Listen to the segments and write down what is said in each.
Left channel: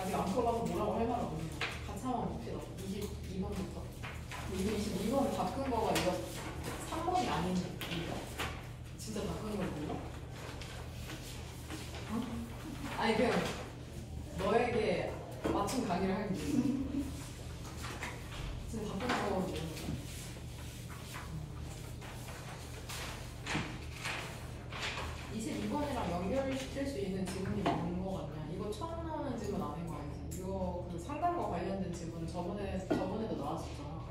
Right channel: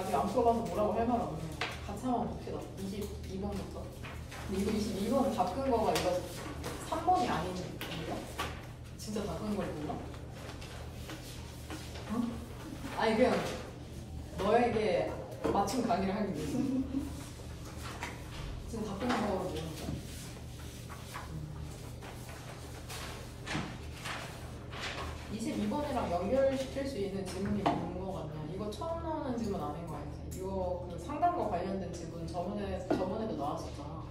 아직 안 풀어서 뭐라고 할 말이 없네요. 같이 한번 봅시다. 22번부터. 이거 22번 바꾼 거가 이거 3번이 아닙니다. 진짜 바꾼 걸 몰라? 어? 아니 그냥 너에게 맞춤 강의를 하기 위해서 진짜 바꾼 거로 모르겠어. 22번이랑 연결시킬 수 있는 지문이 뭔 거 같냐? 이거 처음 나오는 지문 아닌 거 알지? 이거 그 상담과 관련된 지문 저번에도 나왔었잖아.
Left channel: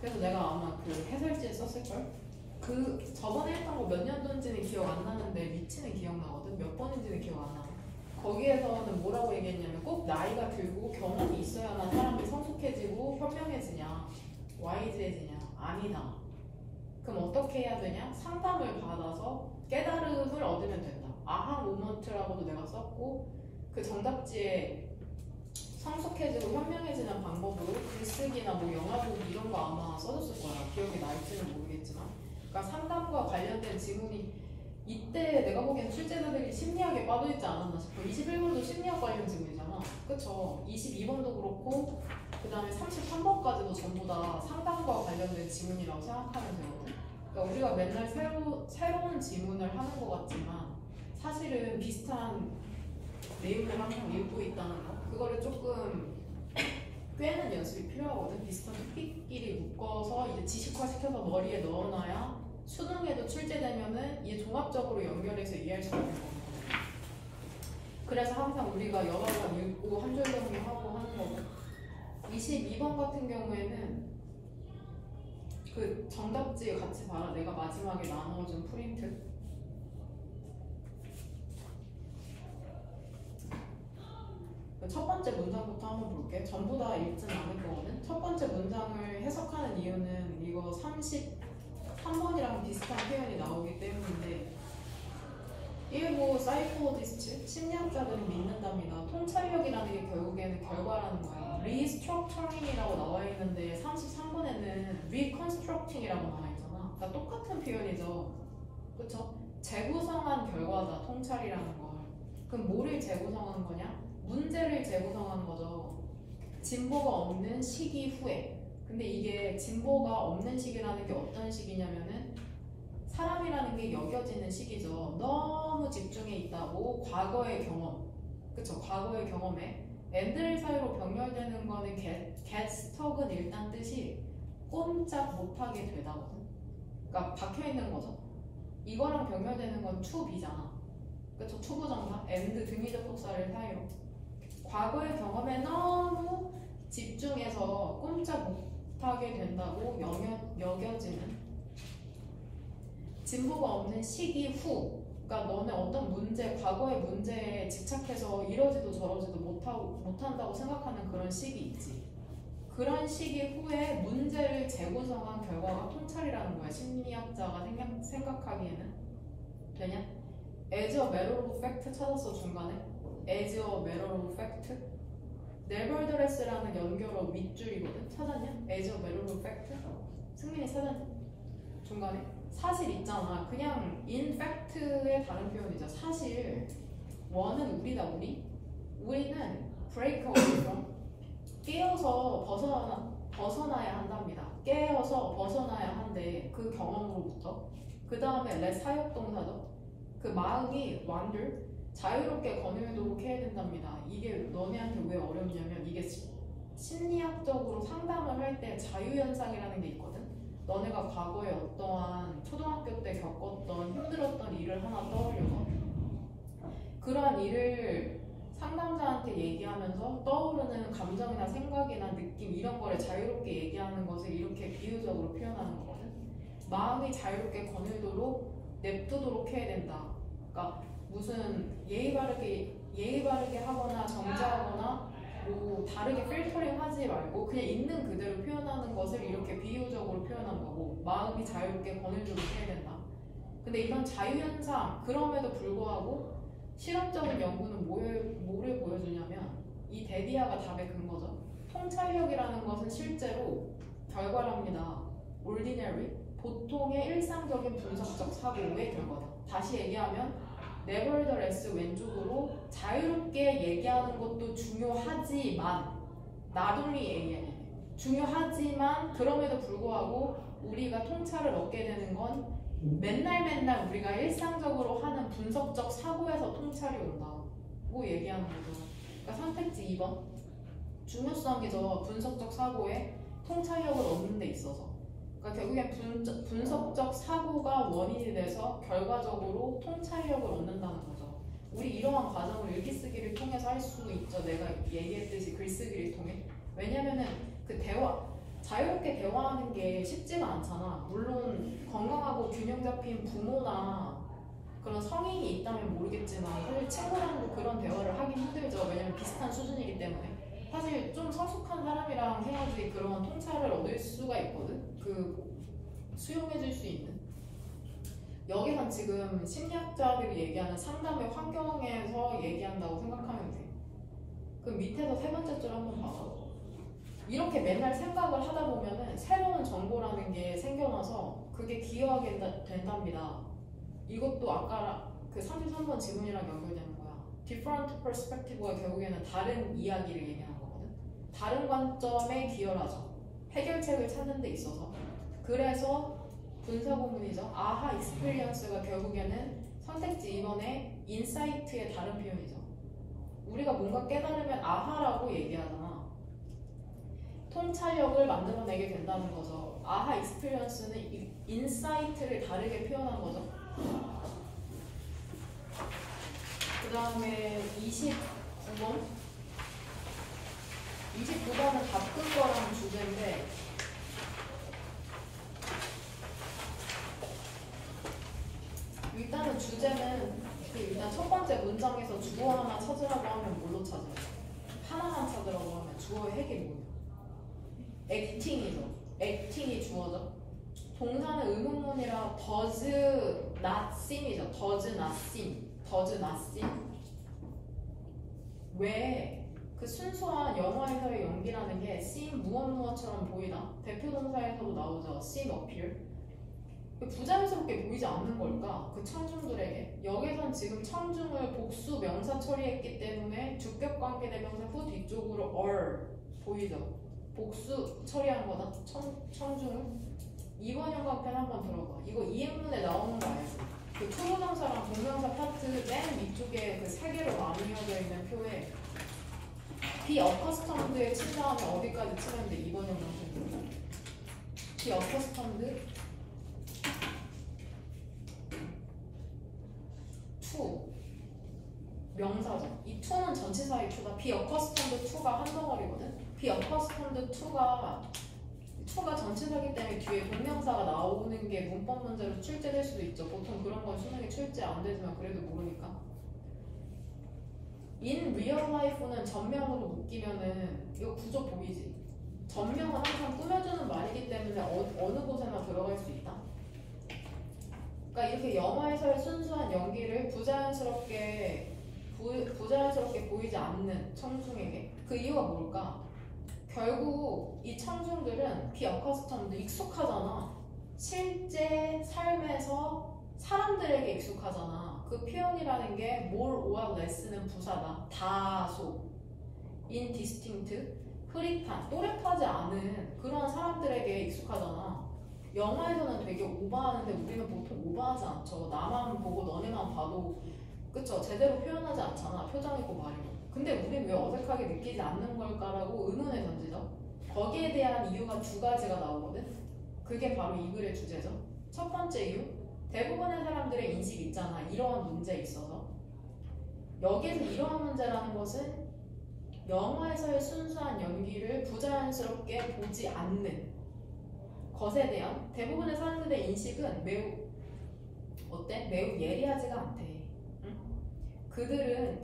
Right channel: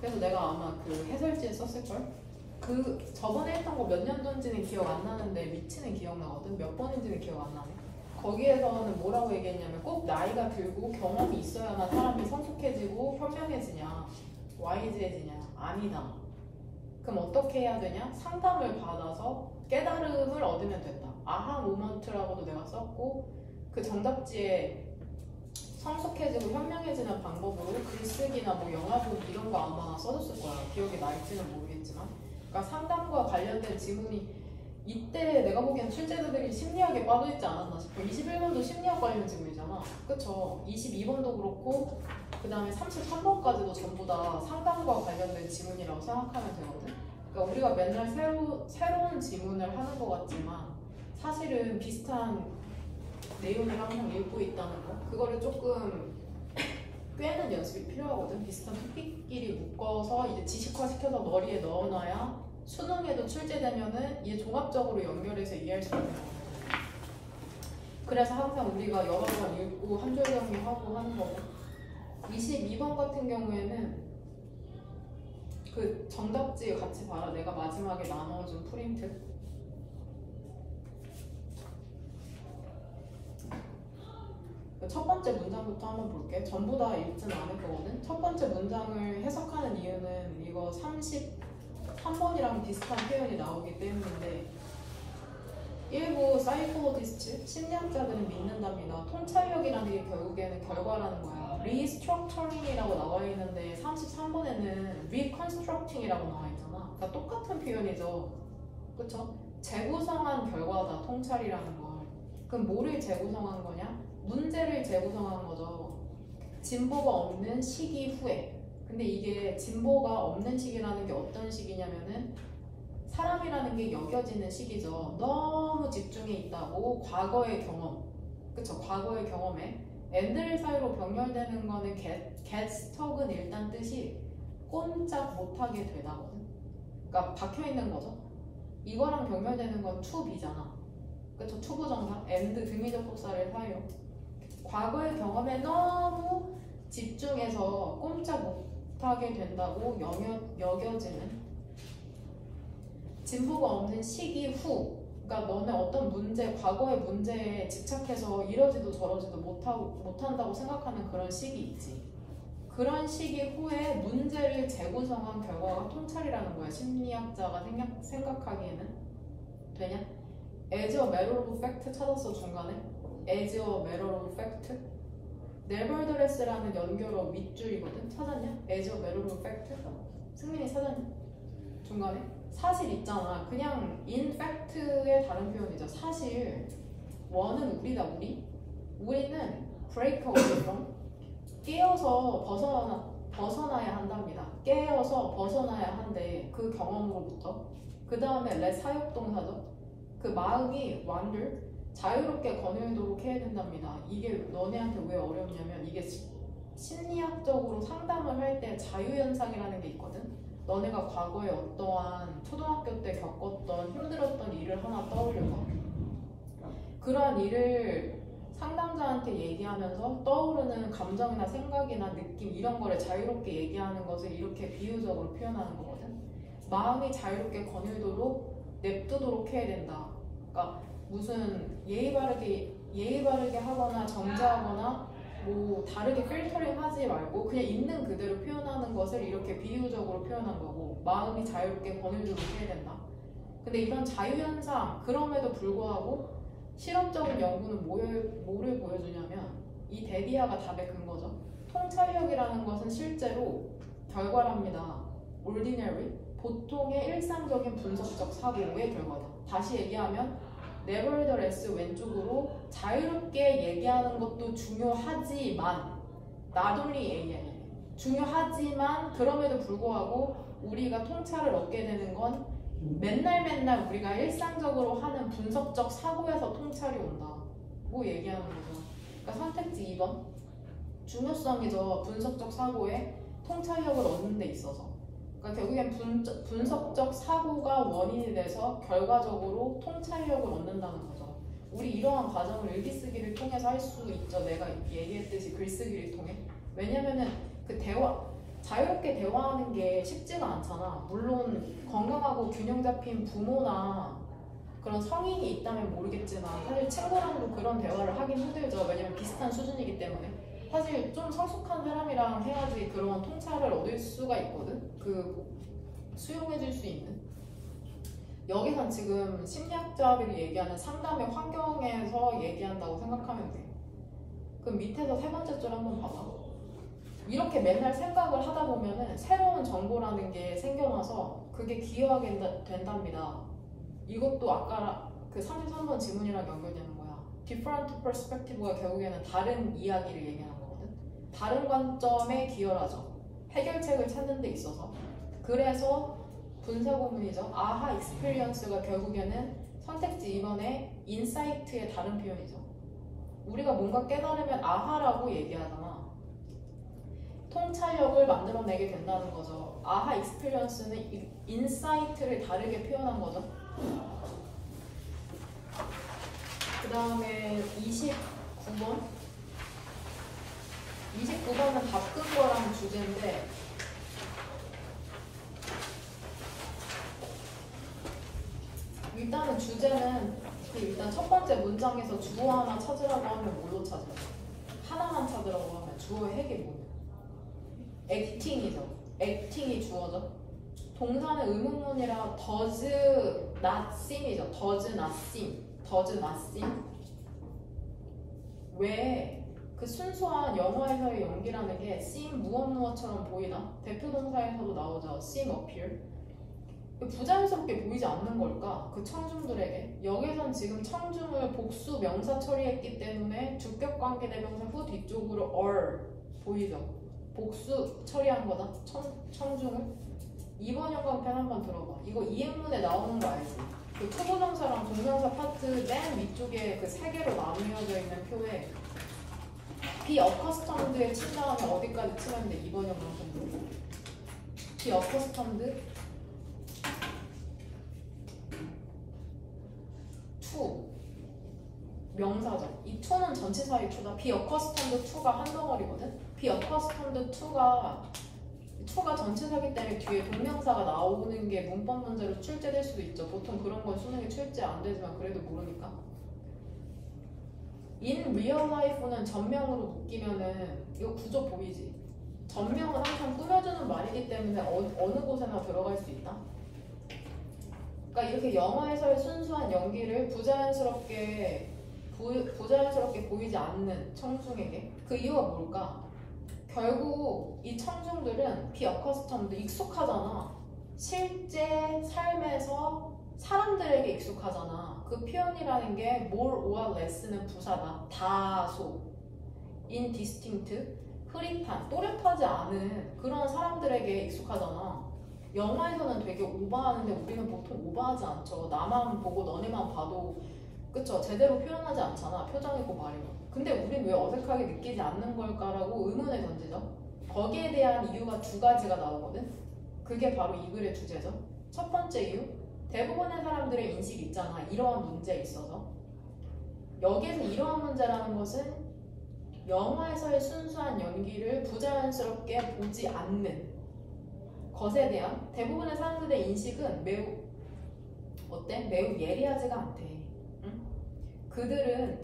그래서 내가 아마 그 해설지에 썼을걸? 그 저번에 했던 거 몇 년도인지는 기억 안 나는데 위치는 기억나거든? 몇 번인지는 기억 안 나. 거기에서는 뭐라고 얘기했냐면 꼭 나이가 들고 경험이 있어야만 사람이 성숙해지고 현명해지냐 와이즈해지냐 아니다. 그럼 어떻게 해야 되냐? 상담을 받아서 깨달음을 얻으면 된다. 아하 모먼트라고도 내가 썼고 그 정답지에 성숙해지고 현명해지는 방법으로 글쓰기나 뭐 영화 보기 이런 거 아마 써줬을 거야. 기억이 날지는 모르겠지만. 그러니까 상담과 관련된 지문이 이때 내가 보기엔 출제자들이 심리학에 빠져있지 않았나 싶어. 21번도 심리학 관련 지문이잖아. 그쵸? 22번도 그렇고 그 다음에 33번까지도 전부 다 상담과 관련된 지문이라고 생각하면 되거든. 그러니까 우리가 맨날 새로운 지문을 하는 것 같지만 사실은 비슷한 내용을 항상 읽고 있다는 거. 그거를 조금 꿰는 연습이 필요하거든. 비슷한 토픽끼리 묶어서 이제 지식화시켜서 머리에 넣어놔야 수능에도 출제되면은 이게 종합적으로 연결해서 이해할 수 있는 거야. 그래서 항상 우리가 여러 번 읽고 한 줄 정리하고 하는 거고. 22번 같은 경우에는 그 정답지 같이 봐라. 내가 마지막에 나눠준 프린트. 첫 번째 문장부터 한번 볼게. 전부 다 읽지는 않을 거거든. 첫 번째 문장을 해석하는 이유는 이거 33번이랑 비슷한 표현이 나오기 때문인데 일부 사이코로지스트, 심리학자들은 믿는답니다. 통찰력이라는 게 결국에는 결과라는 거예요. 리스트럭처링이라고 나와 있는데 33번에는 리컨스트럭팅이라고 나와 있잖아. 그러니까 똑같은 표현이죠. 그쵸? 재구성한 결과다, 통찰이라는 거. 그럼 뭐를 재구성한 거냐? 문제를 재구성한 거죠. 진보가 없는 시기 후에. 근데 이게 진보가 없는 시기라는 게 어떤 시기냐면은 사람이라는 게 여겨지는 시기죠. 너무 집중해 있다고 과거의 경험, 그쵸? 과거의 경험에 앤들 사이로 병렬되는 거는 get stuck은 일단 뜻이 꼼짝 못하게 되다거든. 그러니까 박혀 있는 거죠. 이거랑 병렬되는 건 to be잖아. 그쵸? 투부정사 and 등위적 복사를 사용. 과거의 경험에 너무 집중해서 꼼짝 못하게 된다고 여겨지는 진보가 없는 시기 후. 그러니까 너네 어떤 문제, 과거의 문제에 집착해서 이러지도 저러지도 못한다고 생각하는 그런 시기 있지. 그런 시기 후에 문제를 재구성한 결과가 통찰이라는 거야. 심리학자가 생각하기에는. 되냐? as a matter of fact 찾았어 중간에. as a matter of fact. nevertheless라는 연결어 밑줄이거든. 찾았냐? as a matter of fact. 승민이 찾았냐? 중간에. 사실 있잖아. 그냥 in fact의 다른 표현이죠. 사실 원은 우리다. 우리는 break away from 깨어서 벗어나야 한답니다. 깨어서 벗어나야 한대. 그 경험으로부터. 그 다음에 let 사역동사죠. 그 마음이 wander 자유롭게 거닐도록 해야 된답니다. 이게 너네한테 왜 어렵냐면 이게 심리학적으로 상담을 할 때 자유현상이라는 게 있거든. 너네가 과거에 어떠한 초등학교 때 겪었던 힘들었던 일을 하나 떠올려서 그러한 일을 상담자한테 얘기하면서 떠오르는 감정이나 생각이나 느낌 이런 거를 자유롭게 얘기하는 것을 이렇게 비유적으로 표현하는 거거든. 마음이 자유롭게 거닐도록 냅두도록 해야 된다. 그러니까 무슨 예의 바르게 하거나 정지하거나 뭐 다르게 필터링 하지 말고 그냥 있는 그대로 표현하는 것을 이렇게 비유적으로 표현한 거고 마음이 자유롭게 거닐도록 해야 된다. 근데 이런 자유현상 그럼에도 불구하고 실험적인 연구는 뭐를 보여주냐면 이 데비아가 답의 근거죠. 통찰력이라는 것은 실제로 결과랍니다. ordinary 보통의 일상적인 분석적 사고의 결과다. 다시 얘기하면 nevertheless 왼쪽으로 자유롭게 얘기하는 것도 중요하지만 not only AM이 중요하지만 그럼에도 불구하고 우리가 통찰을 얻게 되는 건 맨날 우리가 일상적으로 하는 분석적 사고에서 통찰이 온다고 얘기하는 거죠. 그러니까 선택지 2번 중요성이죠. 분석적 사고에 통찰력을 얻는 데 있어서. 그러니까 결국엔 분석적 사고가 원인이 돼서 결과적으로 통찰력을 얻는다는 거죠. 우리 이러한 과정을 일기쓰기를 통해서 할 수 있죠. 내가 얘기했듯이 글쓰기를 통해. 왜냐면은 그 자유롭게 대화하는 게 쉽지가 않잖아. 물론 건강하고 균형 잡힌 부모나 그런 성인이 있다면 모르겠지만 사실 친구랑도 그런 대화를 하긴 힘들죠. 왜냐면 비슷한 수준이기 때문에. 사실 좀 성숙한 사람이랑 해야지 그런 통찰을 얻을 수가 있거든. 수용해줄 수 있는. 여기선 지금 심리학자들이 얘기하는 상담의 환경에서 얘기한다고 생각하면 돼. 그럼 밑에서 세 번째 줄 한번 봐봐. 이렇게 맨날 생각을 하다 보면은 새로운 정보라는 게 생겨나서 그게 기여하게 된답니다. 이것도 아까 그 33번 지문이랑 연결되는 거야. different perspective가 결국에는 다른 이야기를 얘기하는 거거든. 다른 관점에 기여하죠. 해결책을 찾는 데 있어서. 그래서 분사구문이죠. 아하 익스피리언스가 결국에는 선택지 2번의 인사이트의 다른 표현이죠. 우리가 뭔가 깨달으면 아하라고 얘기하잖아. 통찰력을 만들어내게 된다는 거죠. 아하 익스피리언스는 인사이트를 다르게 표현한 거죠. 그 다음에 29번 29번은 바꾼 거라는 주제인데 일단은 주제는 일단 첫 번째 문장에서 주어 하나 찾으라고 하면 뭘로 찾아요? 하나만 찾으라고 하면 주어의 핵이 뭐예요? acting이죠. acting이 주어죠. 동사는 의문문이라 does not seem이죠. does not seem. does not seem. 왜 그 순수한 영어에서의 연기라는 게 seem 무엇처럼 보이다. 대표 동사에서도 나오죠. seem appear. 부자연스럽게 보이지 않는 걸까? 그 청중들에게. 여기선 지금 청중을 복수 명사 처리했기 때문에 주격관계 대명사 후 뒤쪽으로 or 보이죠? 복수 처리한 거다. 청중을. 2번 형광펜 한번 들어봐. 이거 이행문에 나오는 거 알지? 그 초조명사랑 동명사 파트 맨 위쪽에 그 세 개로 나누어져 있는 표에 be accustomed에 친 다음에 어디까지 치면 돼? 2번 형광펜. be accustomed to 명사죠. 이 to는 전치사의 to다. be accustomed to가 한 덩어리거든. be accustomed to가 전치사기 때문에 뒤에 동명사가 나오는 게 문법 문제로 출제될 수도 있죠. 보통 그런 건 수능에 출제 안 되지만 그래도 모르니까. in real life는 전명으로 묶이면은 이거 구조 보이지? 전명은 항상 꾸며주는 말이기 때문에 어느 곳에나 들어갈 수 있다. 그러니까 이렇게 영어에서의 순수한 연기를 부자연스럽게 보이지 않는 청중에게 그 이유가 뭘까? 결국 이 청중들은 be accustomed 익숙하잖아. 실제 삶에서 사람들에게 익숙하잖아. 그 표현이라는 게 more or less는 부사다. 다소 indistinct 흐릿한 또렷하지 않은 그런 사람들에게 익숙하잖아. 영화에서는 되게 오버하는데 우리는 보통 오버하지 않죠. 나만 보고 너네만 봐도 그쵸? 제대로 표현하지 않잖아. 표정이고 말이고. 근데 우린 왜 어색하게 느끼지 않는 걸까라고 의문을 던지죠. 거기에 대한 이유가 두 가지가 나오거든. 그게 바로 이 글의 주제죠. 첫 번째 이유, 대부분의 사람들의 인식이 있잖아. 이러한 문제에 있어서. 여기에서 이러한 문제라는 것은 영화에서의 순수한 연기를 부자연스럽게 보지 않는 것에 대한 대부분의 사람들의 인식은 매우 예리하지가 않대. 그들은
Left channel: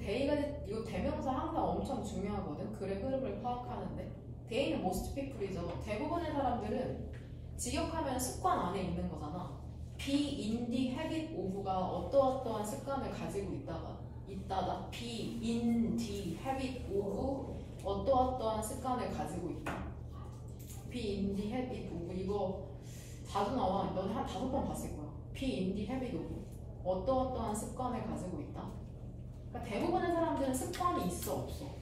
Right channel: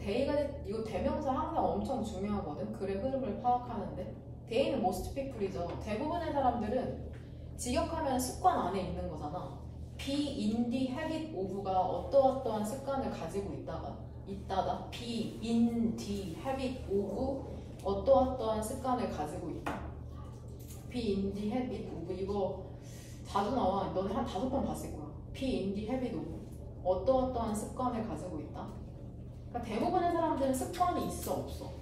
이거 대명사 항상 엄청 중요하거든. 글의 흐름을 파악하는데 they는 most people이죠. 대부분의 사람들은 직역하면 습관 안에 있는 거잖아. be in the habit of가 어떠어떠한 습관을 가지고 있다다. be in the habit of 어떠어떠한 습관을 가지고 있다. be in the habit of 이거 자주 나와. 너네 한 5번 봤을 거야. be in the habit of 어떠어떠한 습관을 가지고 있다. 그러니까 대부분의 사람들은 습관이 있어 없어?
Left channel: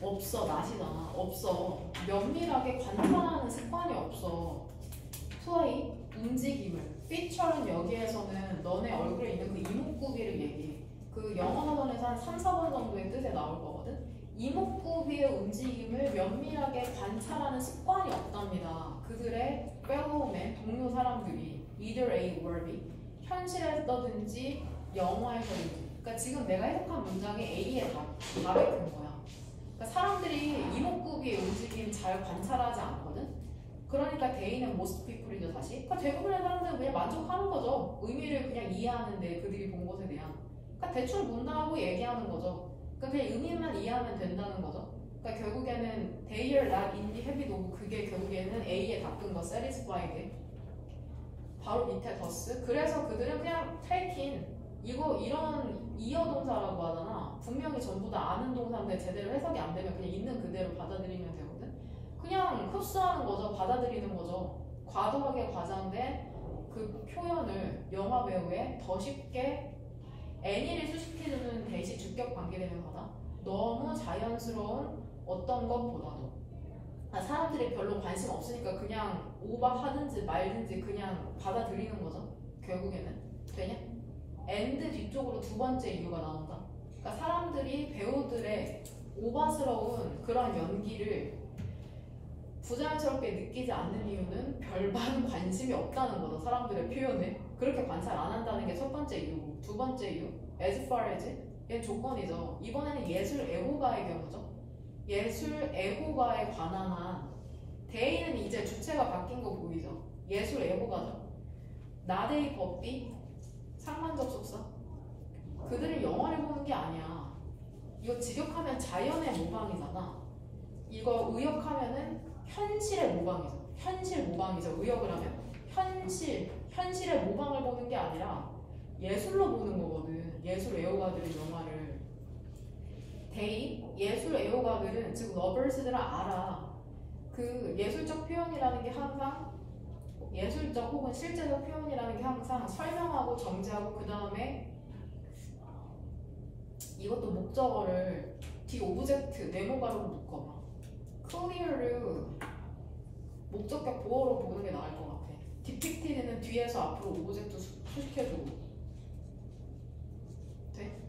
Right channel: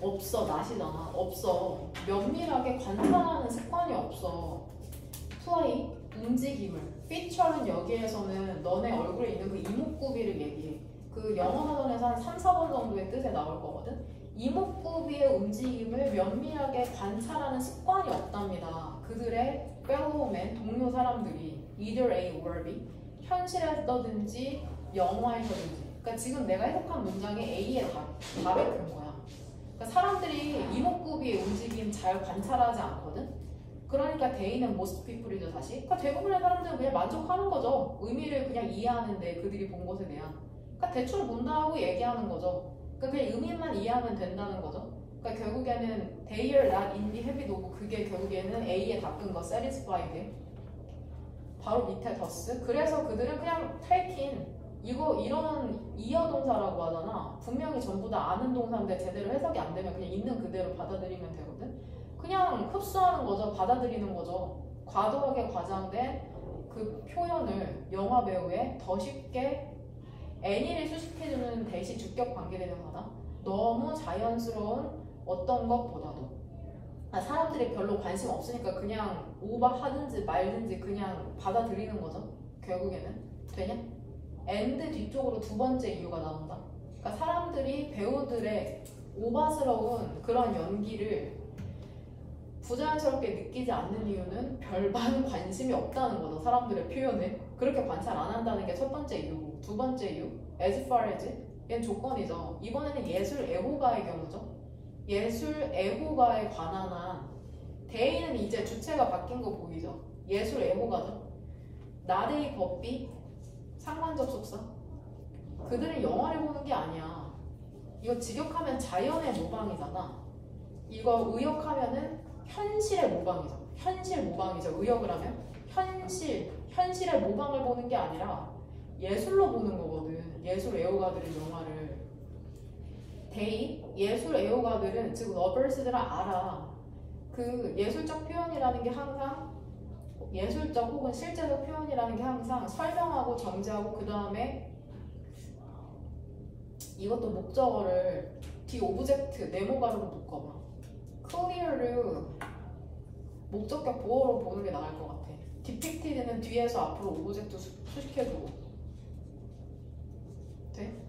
없어. 나시잖아. 없어. 면밀하게 관찰하는 습관이 없어. 투아이 움직임을 피처는 여기에서는 너네 얼굴에 있는 그 이목구비를 얘기해. 그 영어 사전에서 한 3, 4번 정도의 뜻에 나올 거거든. 이목구비의 움직임을 면밀하게 관찰하는 습관이 없답니다. 그들의 fellow-man, 동료 사람들이 either A or B, 현실에서든지 영화에서든지. 그러니까 지금 내가 해석한 문장이 A에 답이 된 거야. 그러니까 사람들이 이목구비의 움직임 잘 관찰하지 않거든. 그러니까 대인은 most people이죠 다시. 그러니까 대부분의 사람들은 그냥 만족하는 거죠. 의미를 그냥 이해하는데 그들이 본 것에 대한. 그러니까 대충 본다고 얘기하는 거죠. 그러니까 그냥 의미만 이해하면 된다는 거죠. 그러니까 결국에는 they are not in the habit of, 그게 결국에는 A에 닦은 거 satisfied. 바로 밑에 더스. 그래서 그들은 그냥 taking, 이런 이어 동사라고 하잖아. 분명히 전부 다 아는 동사인데 제대로 해석이 안 되면 그냥 있는 그대로 받아들이면 되거든. 그냥 흡수하는 거죠. 받아들이는 거죠. 과도하게 과장된 그 표현을 영화 배우에 더 쉽게 애니를 수식해주는 대시 주격 관계대명사다. 너무 자연스러운 어떤 것보다도 사람들이 별로 관심 없으니까 그냥 오버하든지 말든지 그냥 받아들이는 거죠. 결국에는 되냐? 엔드 뒤쪽으로 두 번째 이유가 나온다. 그러니까 사람들이 배우들의 오바스러운 그런 연기를 부자연스럽게 느끼지 않는 이유는 별반 관심이 없다는 거죠. 사람들의 표현에. 그렇게 관찰 안 한다는 게 첫 번째 이유고, 두 번째 이유 as far as, 얘는 조건이죠. 이번에는 예술 애호가의 경우죠. 예술 애호가에 관한 한 대의는 이제 주체가 바뀐 거 보이죠. 예술 애호가죠. 나대의 법비 상관적 속사. 그들은 영화를 보는 게 아니야. 이거 직역하면 자연의 모방이잖아. 이거 의역하면은 현실의 모방이죠. 현실 모방이죠. 의역을 하면 현실의 모방을 보는 게 아니라 예술로 보는 거거든. 예술 애호가들은 영화를. 예술 애호가들은, 즉 러버스들은 알아. 그 예술적 표현이라는 게 항상, 예술적 혹은 실제적 표현이라는 게 항상 설명하고 정제하고 그 다음에 이것도 목적어를 뒤 오브젝트 네모가로 묶어봐. clear를 목적격 보어로 보는 게 나을 것 같아. depicted는 뒤에서 앞으로 오브젝트 수식해주고. 돼?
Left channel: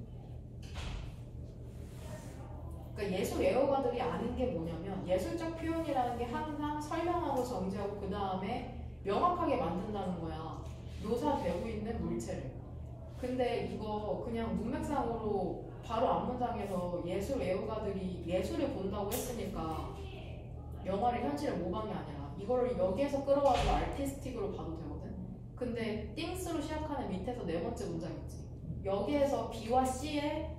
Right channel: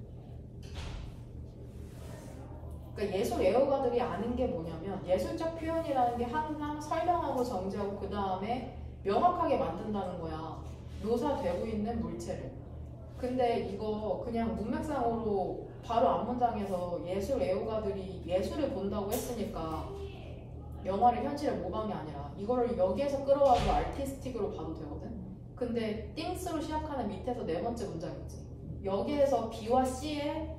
그러니까 예술 애호가들이 아는 게 뭐냐면 예술적 표현이라는 게 항상 설명하고 정제하고 그 다음에 명확하게 만든다는 거야. 묘사되고 있는 물체를. 근데 이거 그냥 문맥상으로 바로 앞문장에서 예술 애호가들이 예술을 본다고 했으니까 영화를 현실의 모방이 아니라 이거를 여기에서 끌어와서 아티스틱으로 봐도 되거든. 근데 things로 시작하는 밑에서 네 번째 문장 있지. 여기에서 B와 C에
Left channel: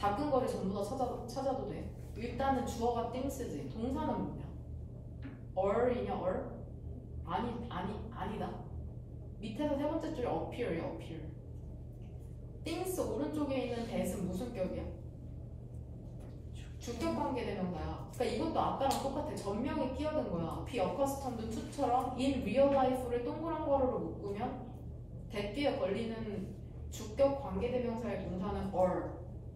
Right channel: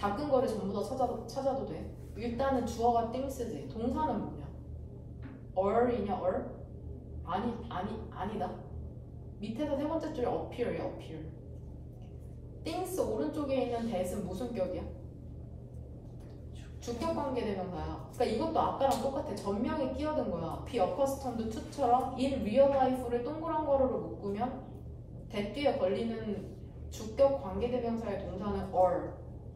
닦은 거를 전부 다 찾아도 돼. 일단은 주어가 things지. 동사는 뭐냐? or이냐 or? 아니다. 밑에서 세 번째 줄에 appear이야, appear. things 오른쪽에 있는 that은 무슨 격이야? 주격 관계 대명사야. 그러니까 이것도 아까랑 똑같아. 전명이 끼어든 거야. be accustomed to처럼 in real life를 동그란 거로 묶으면 that 뒤에 걸리는 주격 관계 대명사의 동사는 or.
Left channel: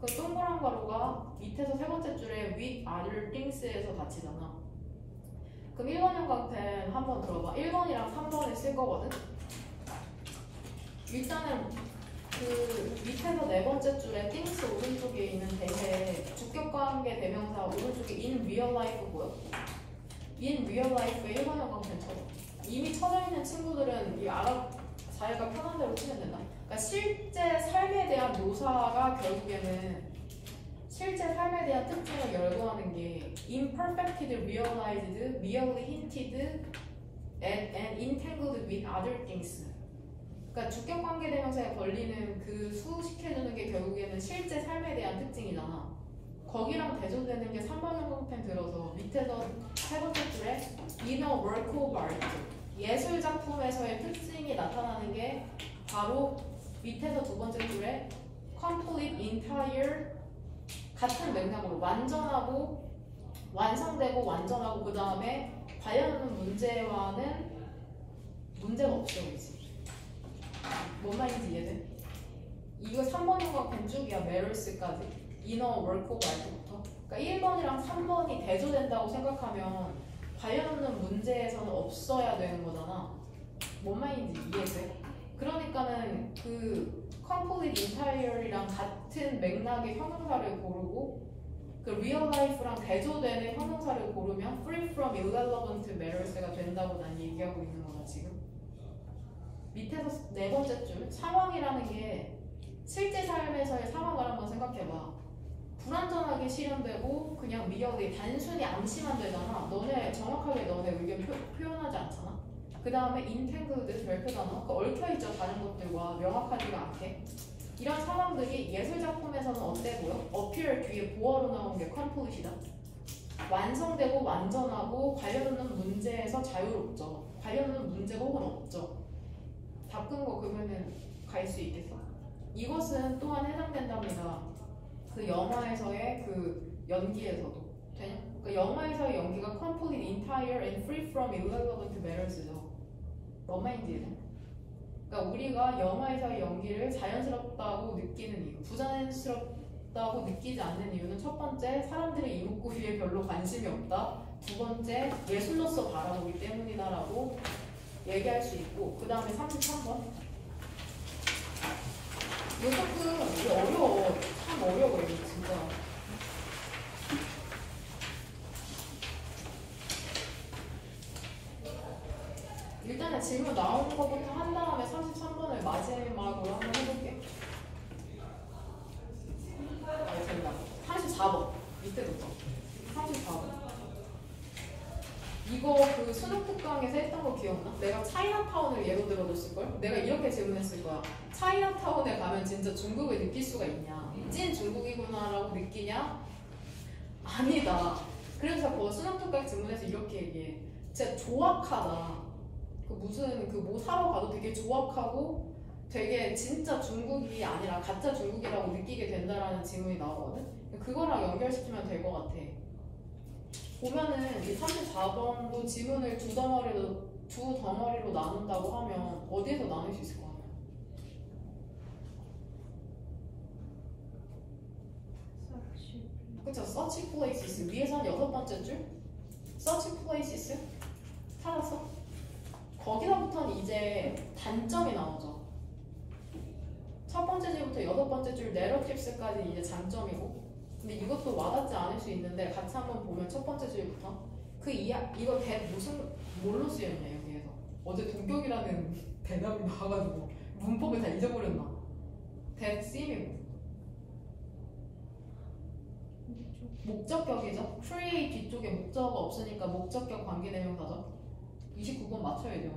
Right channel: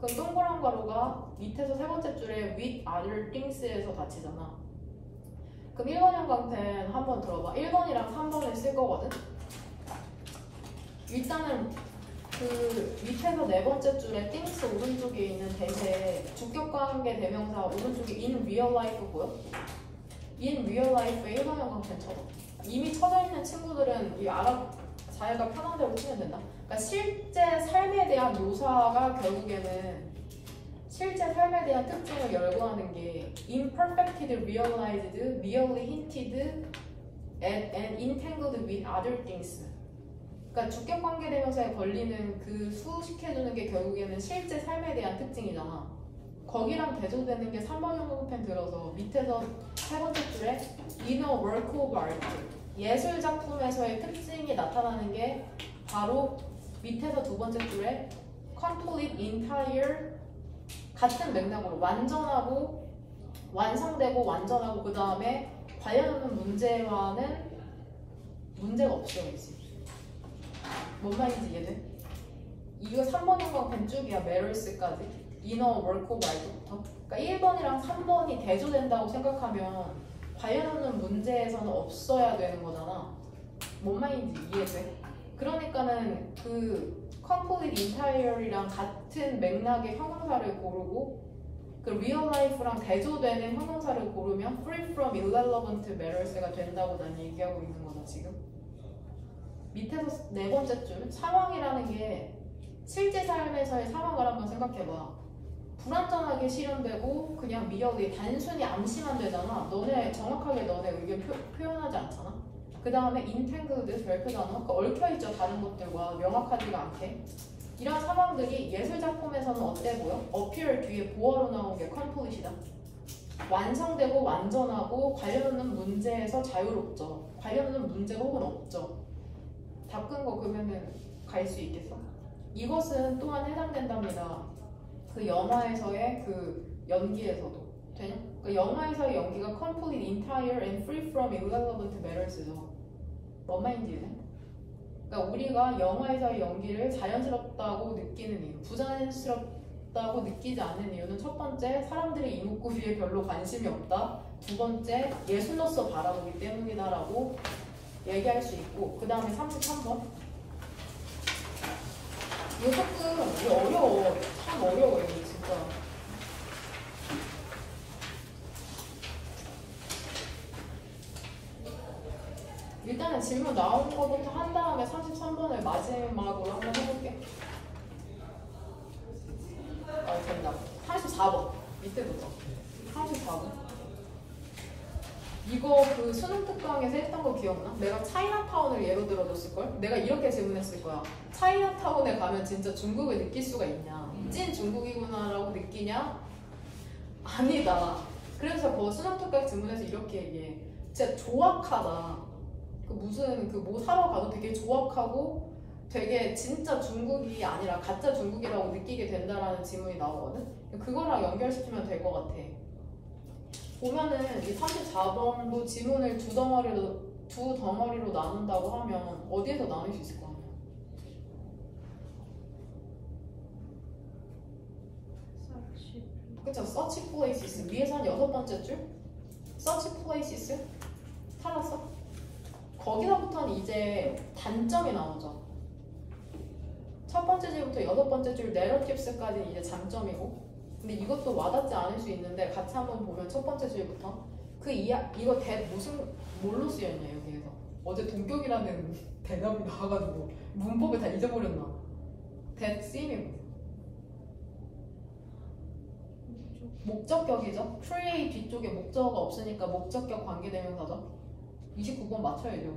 그 동그란 가루가 밑에서 세 번째 줄에 with other things에서 닫히잖아. 그럼 1번형 강펜 한번 들어봐. 1번이랑 3번을 쓸 거거든. 일단은 그 밑에서 네 번째 줄에 things 오른쪽에 있는 대에 주격관계 대명사 오른쪽에 in real life 보여? in real life의 1번형 강펜처럼 이미 쳐져 있는 친구들은 이 자기가 편한 대로 치면 된다. 그러니까 실제 삶에 대한 묘사가 결국에는 실제 삶에 대한 특징을 열거하는 게 imperfectly realized, merely hinted, and entangled with other things. 그러니까 주격 관계 대명사에 걸리는 그 수식해주는 게 결국에는 실제 삶에 대한 특징이잖아. 거기랑 대조되는 게 3번 형용펜 들어서 밑에서 세 번째 줄에 in a work of art, 예술 작품에서의 특징이 나타나는 게 바로 밑에서 두 번째 줄에 complete, entire, 같은 맥락으로 완전하고 완성되고 완전하고 그 다음에 관련하는 문제와는 문제가 없어야지. 뭔 말인지 이해돼? 이거 3번인 건 왼쪽이야. 메럴스까지. 이너 월크 오브 알트부터. 그러니까 1번이랑 3번이 대조된다고 생각하면 관련 문제에서는 없어야 되는 거잖아. 뭔 말인지 이해돼? 그러니까는 그 complete entire이랑 같은 맥락의 형용사를 고르고 그 real life랑 대조되는 형용사를 고르면 free from irrelevant matters가 된다고 난 얘기하고 있는 거다 지금. 밑에서 네 번째 줄 상황이라는 게 실제 삶에서의 상황을 한번 생각해봐. 불완전하게 실현되고 그냥 미역이 단순히 암시만 되잖아. 정확하게 너네 의견 표현하지 않잖아. 그 다음에 entangled 별표 단어 얽혀있죠. 다른 것들과 명확하지가 않게. 이런 상황들이 예술 작품에서는 어때 보여? appear 뒤에 보어로 나온 게 complete이다. 완성되고 완전하고 관련된 문제에서 자유롭죠. 관련된 문제 혹은 없죠. 바꾼 거 그러면은 갈 수 있겠어? 이것은 또한 해당된답니다. 그 영화에서의 그 연기에서도 되냐? 그 영화에서의 연기가 complete, entire, and free from irrelevant matters죠. 뭔 말인지는? 그러니까 우리가 영화에서의 연기를 자연스럽다고 느끼는 이유, 부자연스럽다고 느끼지 않는 이유는 첫 번째, 사람들이 이목구비에 별로 관심이 없다. 두 번째, 예술로서 바라보기 때문이다라고 얘기할 수 있고, 그 다음에 33번. 이것도 어려워. 참 어려워, 이거 진짜. 일단은 질문 나온 거부터 한 다음에 33번을 마지막으로 한번 해볼게. 된다. 34번. 밑에부터. 34번. 이거 그 수능 특강에서 했던 거 기억나? 내가 차이나타운을 예로 들어줬을걸? 내가 이렇게 질문했을 거야. 차이나타운에 가면 진짜 중국을 느낄 수가 있냐? 찐 중국이구나라고 느끼냐? 아니다. 그래서 그 수능 특강 질문에서 이렇게 얘기해. 진짜 조악하다. 무슨 그 뭐 사러 가도 되게 조악하고 되게 진짜 중국이 아니라 가짜 중국이라고 느끼게 된다라는 질문이 나오거든? 그거랑 연결시키면 될 것 같아. 보면은 이 34번도 지문을 두 덩어리로 나눈다고 하면 어디에서 나눌 수 있을 것 같아? 그쵸? search places 위에서 한 6번째 줄? search places? 찾았어? 거기서부터는 이제 단점이 나오죠. 첫 번째 줄부터 6번째 줄 narratives까지 이제 장점이고, 근데 이것도 와닿지 않을 수 있는데 같이 한번 보면 첫 번째 줄부터 이거 뭘로 쓰였냐 여기에서 어제 동격이라는 대답이 나와가지고 문법을 다 잊어버렸나. 대쓰임이고 목적격이죠. create 뒤쪽에 목적어가 없으니까 목적격 관계대명사죠. 29번 맞춰야죠.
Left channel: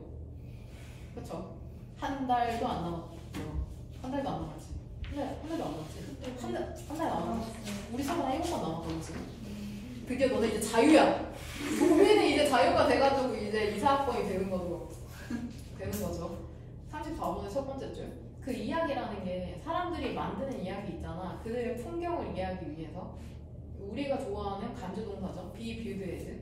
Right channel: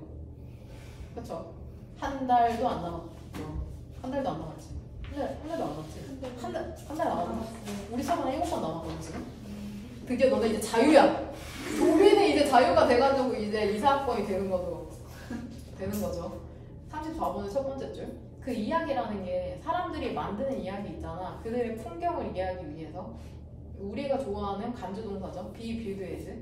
그쵸? 한 달도 안 남았죠. 한 달도 안 남았지. 한 달도 안 남았지. 한 달 남았지. 우리 사람 7번 남았거든 지금. 드디어 너네 이제 자유야. 우리는 이제 자유가 돼가지고 이제 이사학번이 되는 거죠. 34번의 첫 번째 줄. 그 이야기라는 게 사람들이 만드는 이야기 있잖아. 그들의 풍경을 이해하기 위해서 우리가 좋아하는 간주동사죠. be viewed as.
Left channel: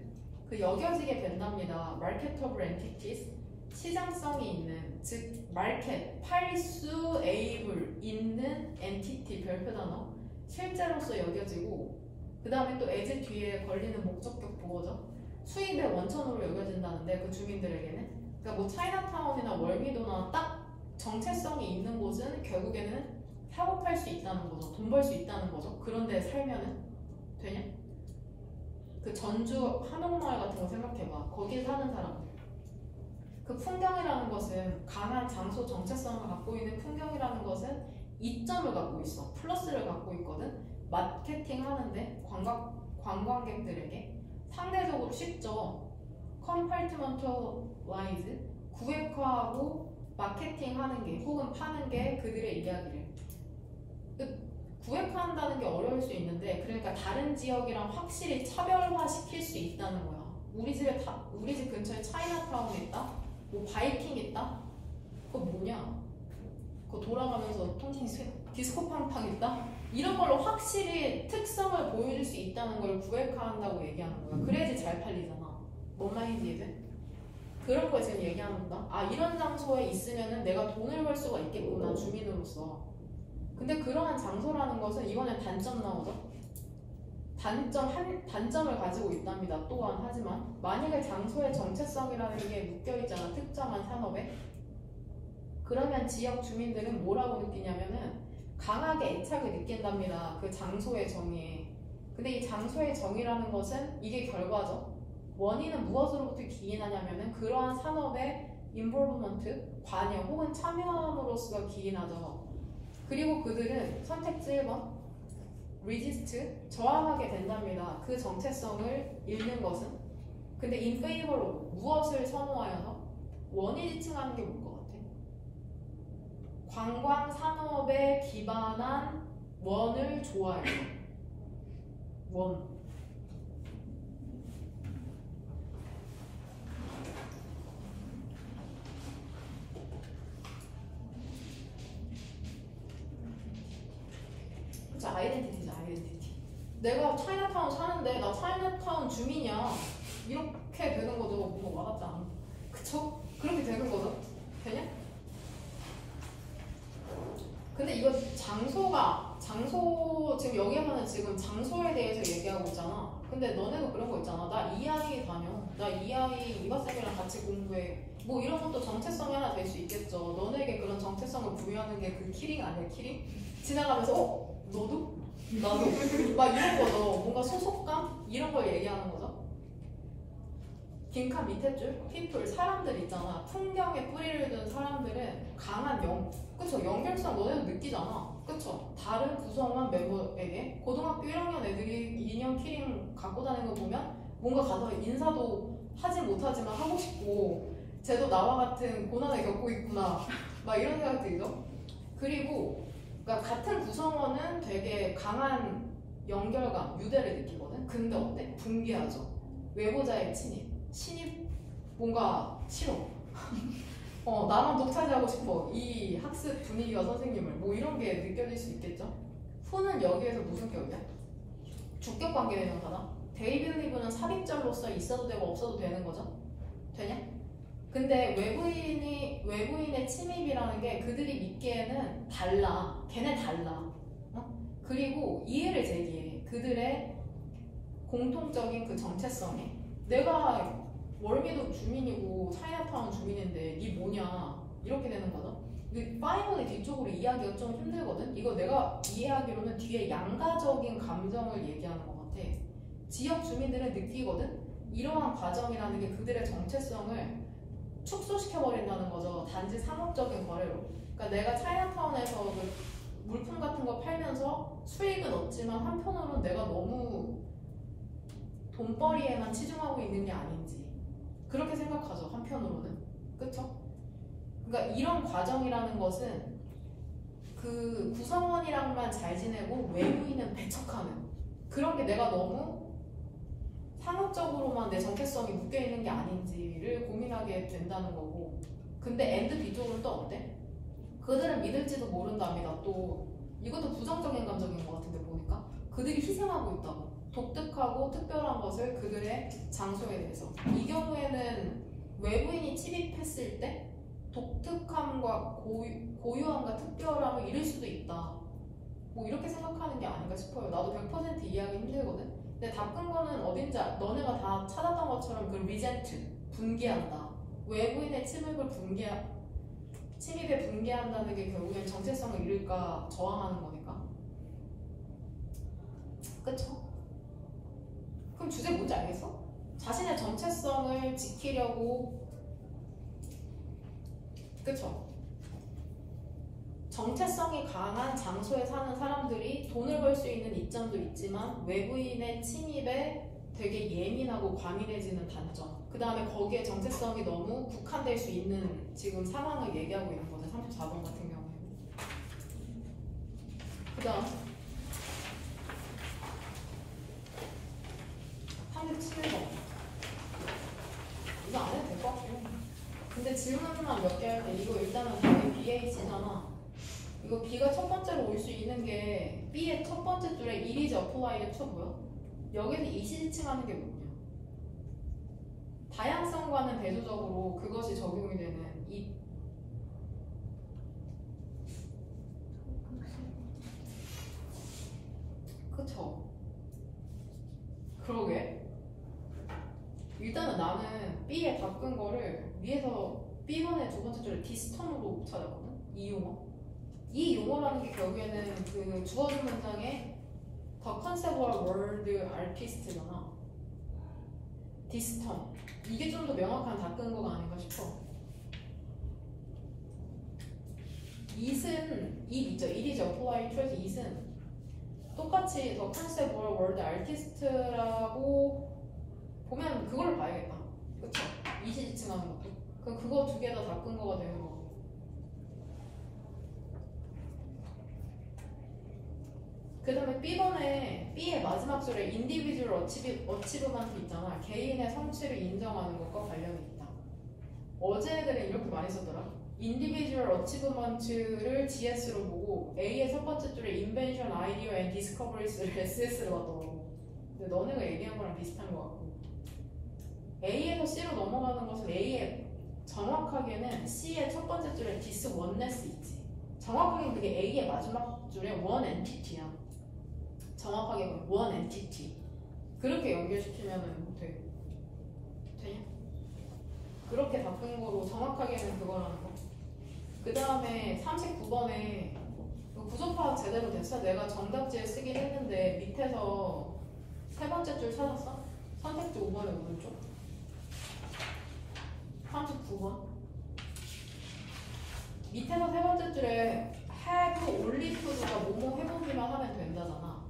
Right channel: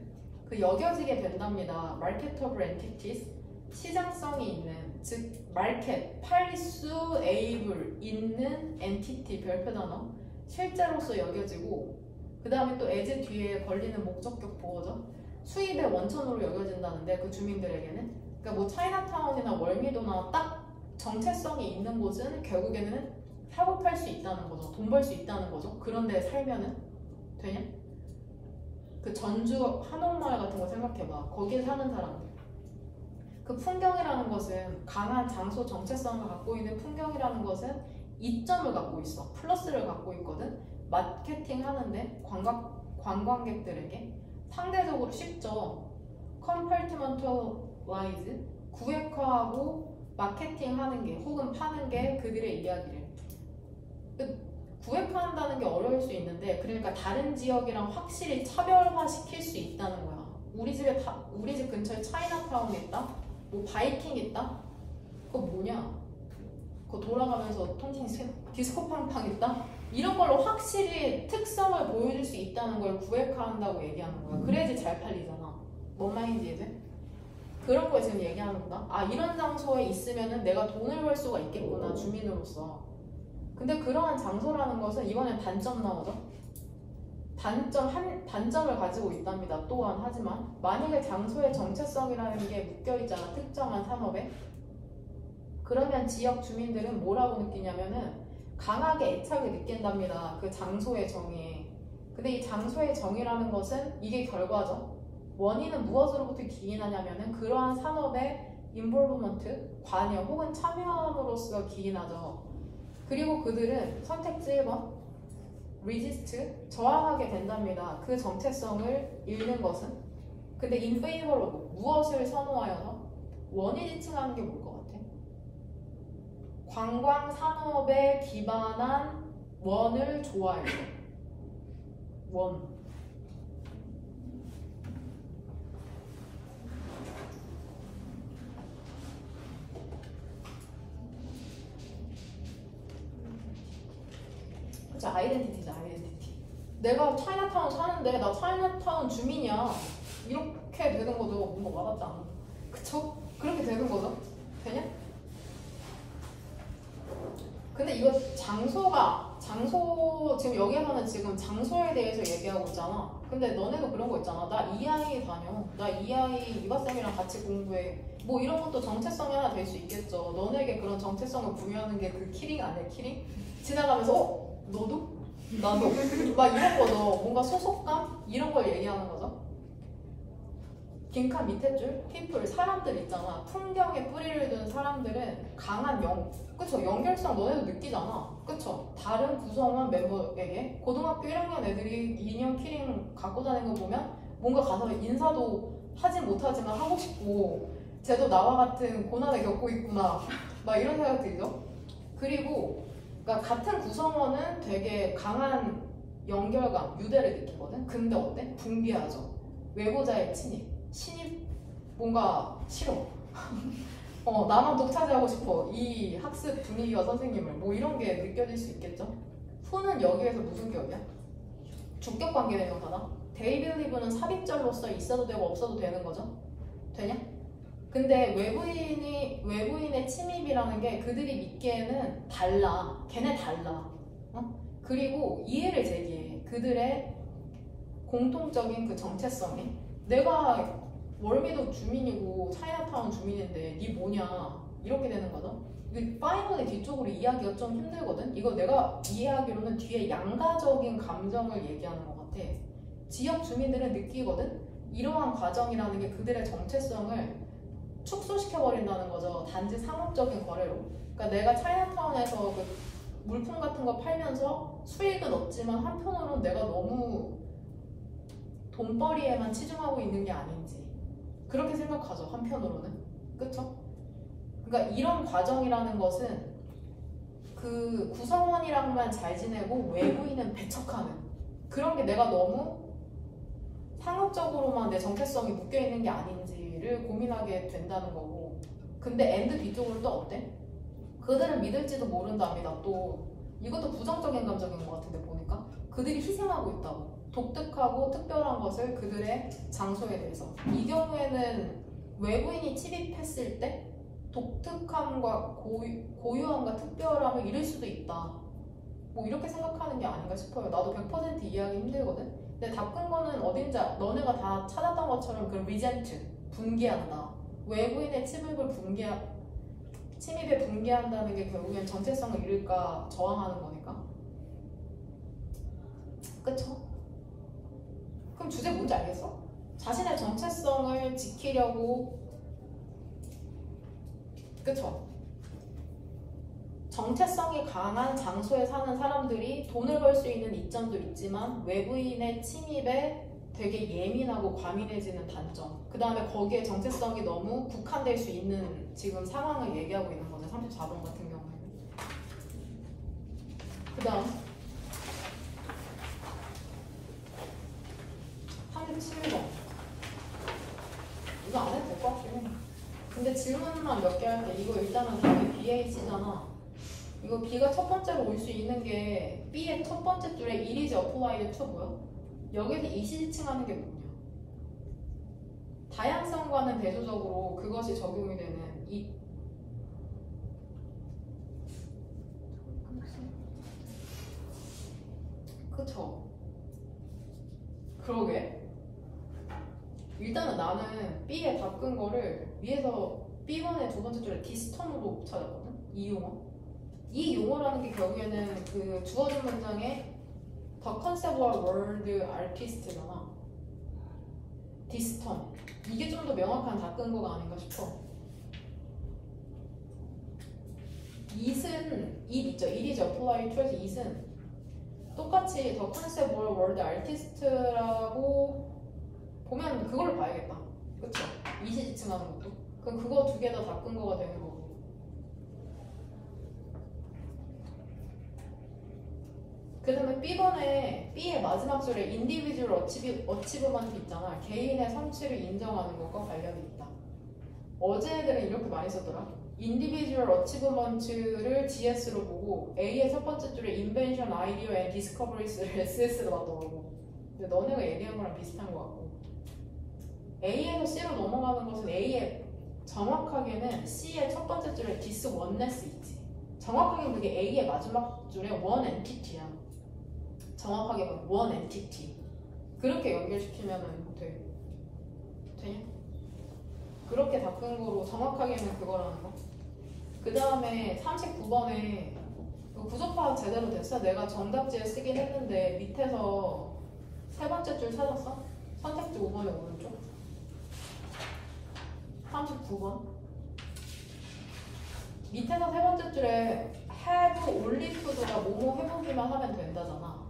그 여겨지게 된답니다. marketable entities, 시장성이 있는, 즉 market, 팔 수 able 있는 entity 별표 단어, 실제로서 여겨지고, 그 다음에 또 as 뒤에 걸리는 목적격 보어죠. 수입의 원천으로 여겨진다는데 그 주민들에게는, 그러니까 뭐 차이나타운이나 월미도나 딱 정체성이 있는 곳은 결국에는 사고 팔 수 있다는 거죠. 돈 벌 수 있다는 거죠. 그런데 살면은 되냐? 그 전주 한옥마을 같은 거 생각해봐. 거기에 사는 사람들. 그 풍경이라는 것은 강한 장소 정체성을 갖고 있는 풍경이라는 것은 이점을 갖고 있어. 플러스를 갖고 있거든. 마케팅 하는데 관광객들에게 상대적으로 쉽죠. compartmentalize 구획화하고 마케팅 하는 게 혹은 파는 게 그들의 이야기를. 구획화한다는 게 어려울 수 있는데, 그러니까 다른 지역이랑 확실히 차별화시킬 수 있다는 거야. 우리 집 근처에 차이나타운 있다? 뭐 바이킹 있다? 그거 뭐냐? 그거 돌아가면서 디스코팡팡 있다? 이런 걸로 확실히 특성을 보여줄 수 있다는 걸 구획화한다고 얘기하는 거야. 그래야지 잘 팔리잖아. 뭔 말인지 이제? 그런 거 지금 얘기하는 거다. 아, 이런 장소에 있으면은 내가 돈을 벌 수가 있겠구나, 주민으로서. 근데 그러한 장소라는 것은 이번엔 단점 나오죠. 단점을 가지고 있답니다. 또한 하지만 만약에 장소의 정체성이라는 게 묶여있잖아. 특정한 산업에. 그러면 지역 주민들은 뭐라고 느끼냐면은 강하게 애착을 느낀답니다. 그 장소의 정의에. 근데 이 장소의 정의라는 것은 이게 결과죠. 원인은 무엇으로부터 기인하냐면은 그러한 산업의 인볼브먼트, 관여 혹은 참여함으로써 기인하죠. 그리고 그들은 선택지 1번 resist, 저항하게 된답니다. 그 정체성을 잃는 것은. 근데 in favor of, 무엇을 선호하여서? 원이 지칭하는 게 뭘 것 같아? 관광 산업에 기반한 원을 좋아해요. 원. 그치, 아이덴티티죠, 아이덴티티. 내가 차이나타운 사는데 나 차이나타운 주민이야. 이렇게 되는 거죠. 뭔가 와닿지 않아. 그쵸? 그렇게 되는 거죠. 되냐? 근데 이거 장소, 지금 여기에서는 지금 장소에 대해서 얘기하고 있잖아. 근데 너네도 그런 거 있잖아. 나 이 아이 다녀. 나 이 아이 이과쌤이랑 같이 공부해. 뭐 이런 것도 정체성이 하나 될 수 있겠죠. 너네에게 그런 정체성을 부여하는 게 그 키링 아니야, 키링? 지나가면서, 너도? 나도? 막 이런 거죠. 뭔가 소속감? 이런 걸 얘기하는 거죠. 빈칸 밑에 줄, people, 사람들 있잖아. 풍경에 뿌리를 둔 사람들은 강한 그쵸? 연결성 너네도 느끼잖아. 그쵸? 다른 구성원 멤버에게 고등학교 1학년 애들이 인형 키링 갖고 다니는 거 보면 뭔가 가서 인사도 하진 못하지만 하고 싶고 쟤도 나와 같은 고난을 겪고 있구나. 막 이런 생각 들죠? 그리고 그러니까 같은 구성원은 되게 강한 연결감, 유대를 느끼거든? 근데 어때? 붕괴하죠. 외보자의 신입 뭔가 싫어. 나만 독차지하고 싶어. 이 학습 분위기와 선생님을. 뭐 이런 게 느껴질 수 있겠죠? 후는 여기에서 무슨 격이야? 주격 관계 대명사다. They believe는 삽입절로서 있어도 되고 없어도 되는 거죠? 되냐? 근데 외부인의 침입이라는 게 그들이 믿기에는 달라. 걔네 달라. 그리고 이해를 제기해. 그들의 공통적인 그 정체성에. 내가 월미도 주민이고 차이나타운 주민인데 니 뭐냐 이렇게 되는 거죠. 근데 파이널의 뒤쪽으로 이해하기가 좀 힘들거든. 이거 내가 이해하기로는 뒤에 양가적인 감정을 얘기하는 것 같아. 지역 주민들은 느끼거든. 이러한 과정이라는 게 그들의 정체성을 축소시켜버린다는 거죠. 단지 상업적인 거래로. 그러니까 내가 차이나타운에서 그 물품 같은 거 팔면서 수익은 얻지만 한편으로는 내가 너무 돈벌이에만 치중하고 있는 게 아닌지 그렇게 생각하죠. 한편으로는. 그쵸? 그러니까 이런 과정이라는 것은 그 구성원이랑만 잘 지내고 외부인은 배척하는 그런 게 내가 너무 상업적으로만 내 정체성이 묶여있는 게 아닌지를 고민하게 된다는 거고. 근데 엔드 뒤쪽으로 또 어때? 그들은 믿을지도 모른답니다. 또 이것도 부정적인 감정인 것 같은데 보니까 그들이 희생하고 있다고. 독특하고 특별한 것을 그들의 장소에 대해서. 이 경우에는 외부인이 침입했을 때 독특함과 고유함과 특별함을 잃을 수도 있다. 뭐 이렇게 생각하는 게 아닌가 싶어요. 나도 100% 이해하기 힘들거든. 근데 나쁜 거는 어딘지 너네가 다 찾았던 것처럼 그 resent, 붕괴한다. 외부인의 침입에 붕괴한다는 게 결국엔 정체성을 잃을까 저항하는 거니까. 그쵸? 그럼 주제 뭔지 알겠어? 자신의 정체성을 지키려고. 그쵸? 정체성이 강한 장소에 사는 사람들이 돈을 벌 수 있는 이점도 있지만 외부인의 침입에 되게 예민하고 과민해지는 단점. 그 다음에 거기에 정체성이 너무 국한될 수 있는 지금 상황을 얘기하고 있는 거죠. 34번 같은 경우에는. 그 다음 37번. 이거 안 해도 될 것 같긴 해. 근데 질문만 몇 개 할게. 이거 일단은 거의 BH잖아. 이거 B가 첫 번째로 올 수 있는 게 B의 첫 번째 줄에 이리지 어플라이드 쳐고요. 여기서 이시지칭하는 게 뭐냐? 다양성과는 대조적으로 그것이 적용이 되는 그러게. 일단은 나는 B에 바꾼 거를 위에서 B번의 두 번째 줄에 디스턴으로 찾았거든. 이 용어. 이 용어라는 게 결국에는 그 주어진 문장의 The conceptual word artist잖아. 디스턴. 이게 좀 더 명확한 바꾼 거가 아닌가 싶어. it은 it 있죠. it이죠. apply to에서 it은 똑같이 The conceptual word artist라고 보면 그걸로 봐야겠다. 그쵸? it이 지칭하는 것도. 그럼 그거 두 개 다 바꾼 거가 되는 거고. 그 다음에 B번에 B의 마지막 줄에 individual achievement 있잖아. 개인의 성취를 인정하는 것과 관련이 있다. 어제 애들은 이렇게 많이 썼더라. individual achievement를 GS로 보고 A의 첫 번째 줄에 invention, idea, and discoveries를 SS로 봤더라고. 근데 너네가 얘기한 거랑 비슷한 것 같고. A에서 C로 넘어가는 것은 A의 정확하게는 C의 첫 번째 줄에 dis oneness 있지. 정확하게 그게 A의 마지막 줄에 one entity야. 정확하게 one entity. 그렇게 연결시키면은 돼. 그렇게 바꾼 거로 정확하게는 그거라는 거. 그 다음에 39번에 부족 파악 제대로 됐어? 내가 정답지에 쓰긴 했는데 밑에서 세 번째 줄 찾았어? 선택지 5번에 오른쪽 39번 밑에서 세 번째 줄에 have only to가 뭐뭐 해보기만 하면 된다잖아.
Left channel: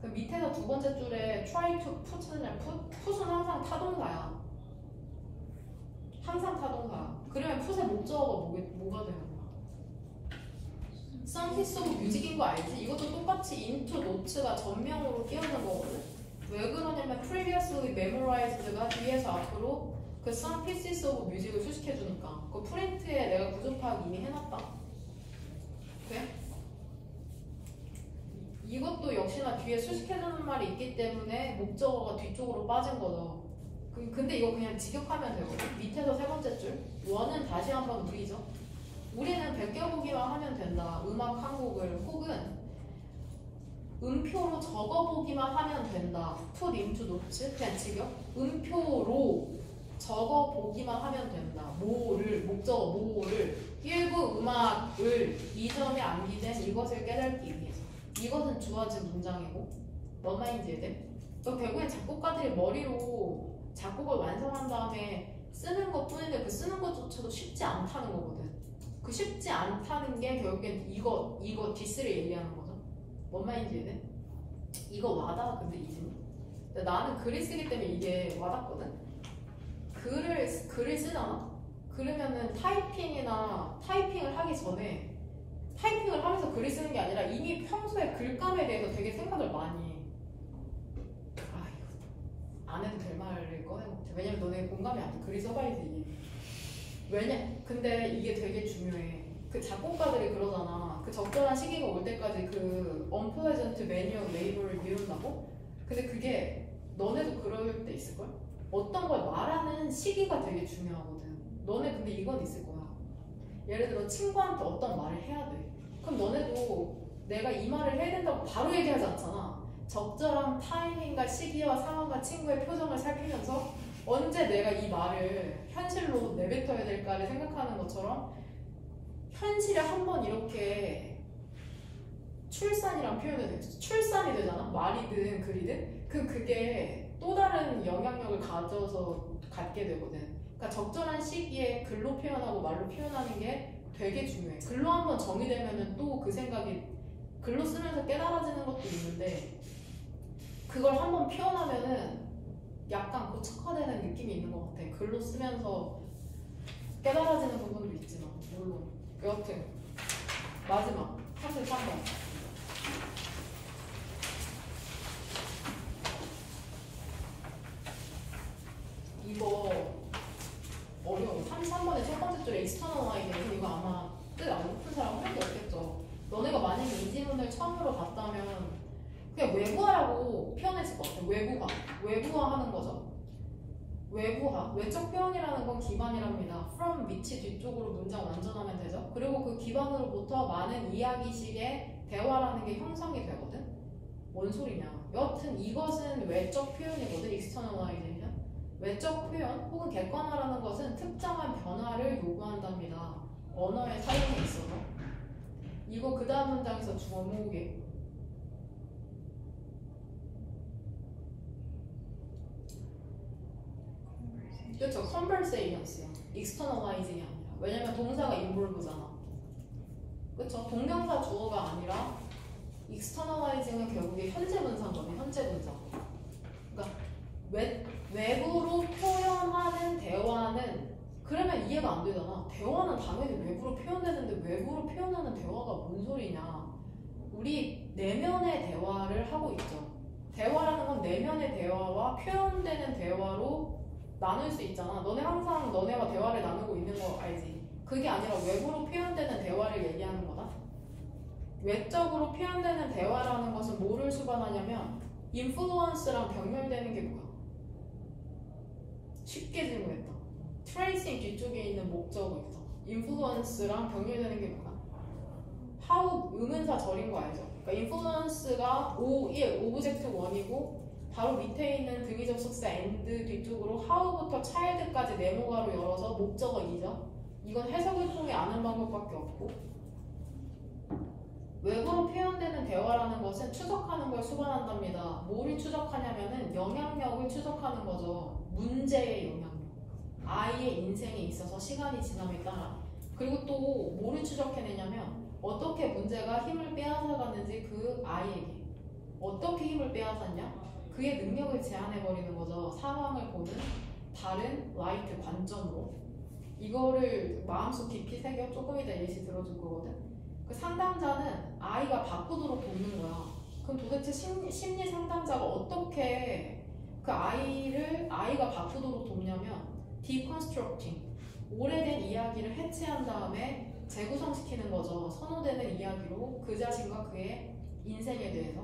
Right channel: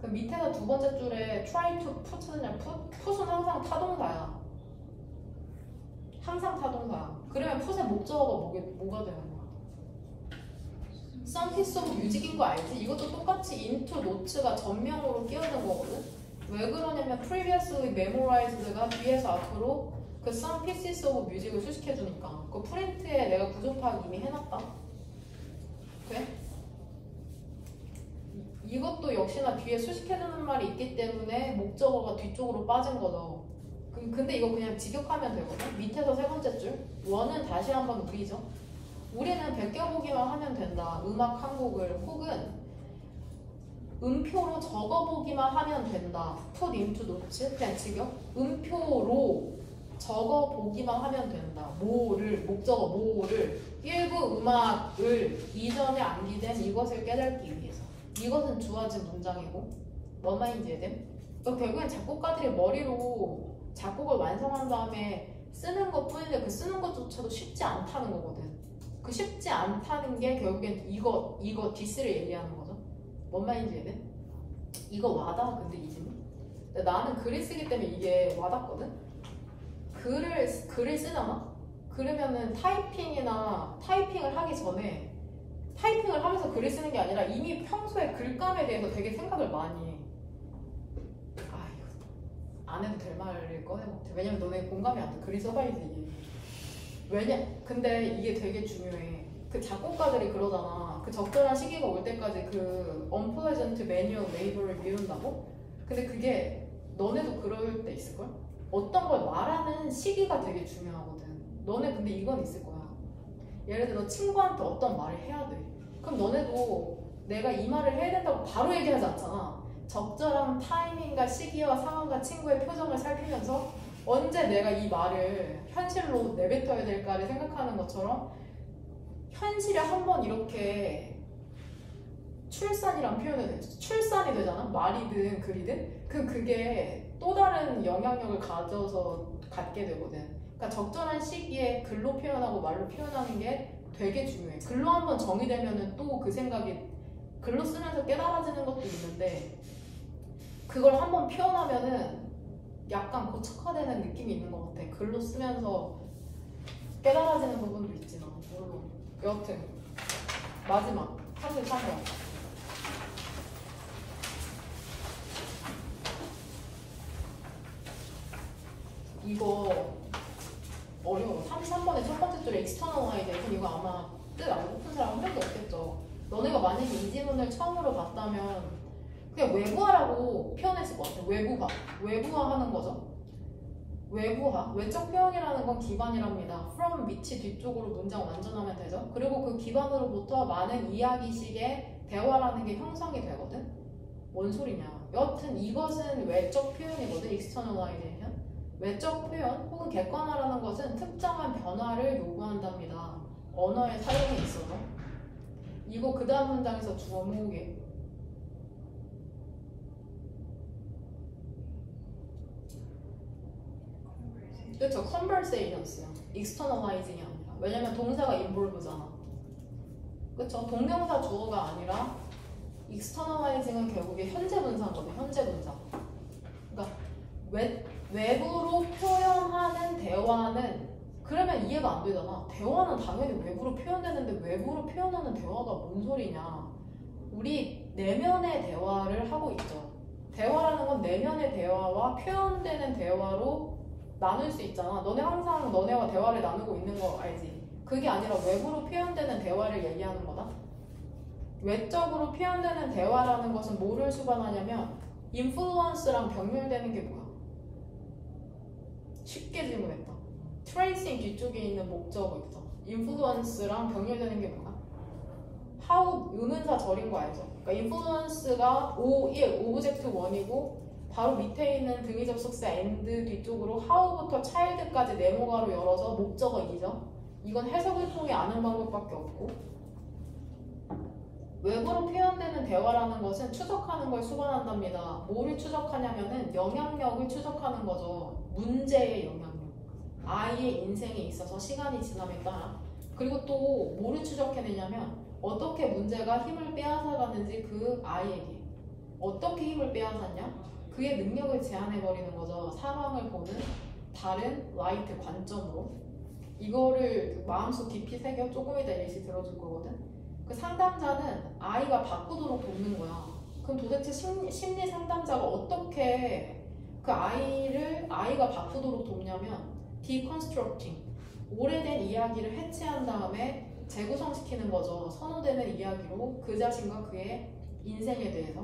그럼 밑에서 두 번째 줄에 try to put는 put은 항상 타동사야. 항상 타동사야. 그러면 put의 목적어가 뭐가 되는 거야? Some piece of music인 거 알지? 이것도 똑같이 into notes가 전명으로 끼워진 거거든? 왜 그러냐면 previously memorized가 뒤에서 앞으로 그 some pieces of music을 수식해주니까. 그 프린트에 내가 부족 파악 이미 해놨다. 돼? 이것도 역시나 뒤에 수식해주는 말이 있기 때문에 목적어가 뒤쪽으로 빠진 거죠. 근데 이거 그냥 직역하면 되거든. 밑에서 세 번째 줄 원은 다시 한번 우리죠. 우리는 베껴보기만 하면 된다. 음악 한 곡을 혹은 음표로 적어보기만 하면 된다. put into notes 그냥 직역. 음표로 적어보기만 하면 된다. 뭐를 목적어 뭐를 일부 음악을 이 점에 암기된 이것을 깨닫기 위해서. 이것은 주어진 문장이고 뭔 말인지 이해돼? 결국엔 작곡가들이 머리로 작곡을 완성한 다음에 쓰는 것 뿐인데 그 쓰는 것조차도 쉽지 않다는 거거든. 그 쉽지 않다는 게 결국엔 이거 디스를 얘기하는 거죠. 뭔 말인지 이해돼? 이거 와닿아. 근데 이제는 나는 글을 쓰기 때문에 이게 와닿거든. 글을 쓰잖아. 그러면은 타이핑을 하기 전에 타이핑을 하면서 글을 쓰는 게 아니라 이미 평소에 글감에 대해서 되게 생각을 많이 해. 안 해도 될 말일 거야. 왜냐면 너네 공감이 안 돼. 글이 써봐야지. 근데 이게 되게 중요해. 그 작곡가들이 그러잖아. 그 적절한 시기가 올 때까지 그 unpleasant manual labor를 미룬다고? 근데 그게 너네도 그럴 때 있을걸? 어떤 걸 말하는 시기가 되게 중요하거든. 너네 근데 이건 있을 거야. 예를 들어 친구한테 어떤 말을 해야 돼. 그럼 너네도 내가 이 말을 해야 된다고 바로 얘기하지 않잖아. 적절한 타이밍과 시기와 상황과 친구의 표정을 살피면서 언제 내가 이 말을 현실로 내뱉어야 될까를 생각하는 것처럼 현실에 한번 이렇게 출산이란 표현을 되죠. 출산이 되잖아. 말이든 글이든. 그게 또 다른 영향력을 갖게 되거든. 그러니까 적절한 시기에 글로 표현하고 말로 표현하는 게 되게 중요해. 글로 한번 정의되면은 또 그 생각이 글로 쓰면서 깨달아지는 것도 있는데 그걸 한번 표현하면은 약간 고착화되는 느낌이 있는 것 같아. 글로 쓰면서 깨달아지는 부분도 있지만 물론 여튼 마지막 33번 이거 어려워. 33번의 첫 번째 줄에 external hide 이거 아마 뜻 안 높은 사람 한 명도 없겠죠. 너네가 만약에 이 지문을 처음으로 봤다면 그냥 외부화라고 표현했을 것 같아. 외부화하는 거죠. 외부화. 외적 표현이라는 건 기반이랍니다. from 밑이 뒤쪽으로 문장 완전하면 되죠. 그리고 그 기반으로부터 많은 이야기식의 대화라는 게 형성이 되거든. 뭔 소리냐. 여하튼 이것은 외적 표현이거든. externalization. 외적 표현 혹은 객관화라는 것은 특정한 변화를 요구한답니다. 언어의 사용에 있어서. 이거 그 다음 문장에서 주목이에요. 그렇죠. conversations. externalizing이 아니라. 왜냐면 동사가 involve잖아. 그렇죠. 동명사 주어가 아니라 externalizing은 결국에 현재 분사인 거네. 현재 분사. 그러니까 외부로 표현하는 대화는 그러면 이해가 안 되잖아. 대화는 당연히 외부로 표현되는데 외부로 표현하는 대화가 뭔 소리냐. 우리 내면의 대화를 하고 있죠. 대화라는 건 내면의 대화와 표현되는 대화로 나눌 수 있잖아. 너네 항상 너네와 대화를 나누고 있는 거 알지? 그게 아니라 외부로 표현되는 대화를 얘기하는 거다. 외적으로 표현되는 대화라는 것은 뭐를 수반하냐면 인플루언스랑 병렬되는 게 뭐야? 쉽게 질문했다. 트레이싱 뒤쪽에 있는 목적어 있죠. 인플루언스랑 병렬되는 게 뭐야? how 의문사 절인 거 알죠? 그러니까 인플루언스가 오브젝트 1이고 바로 밑에 있는 등위 접속사 and 뒤쪽으로 how부터 child까지 네모가로 열어서 목적어 2죠. 이건 해석을 통해 아는 방법밖에 없고 외부로 표현되는 대화라는 것은 추적하는 걸 수반한답니다. 뭐를 추적하냐면은 영향력을 추적하는 거죠. 문제의 영향력. 아이의 인생에 있어서 시간이 지남에 따라. 그리고 또 뭐를 추적해내냐면 어떻게 문제가 힘을 빼앗아가는지 그 아이에게. 어떻게 힘을 빼앗았냐? 그의 능력을 제한해버리는 거죠. 상황을 보는 다른 라이트 관점으로. 이거를 마음속 깊이 새겨 조금 이따 예시 들어줄 거거든. 그 상담자는 아이가 바꾸도록 돕는 거야. 그럼 도대체 심리 상담자가 어떻게 그 아이가 바꾸도록 돕냐면 deconstructing, 오래된 이야기를 해체한 다음에 재구성시키는 거죠. 선호되는 이야기로 그 자신과 그의 인생에 대해서.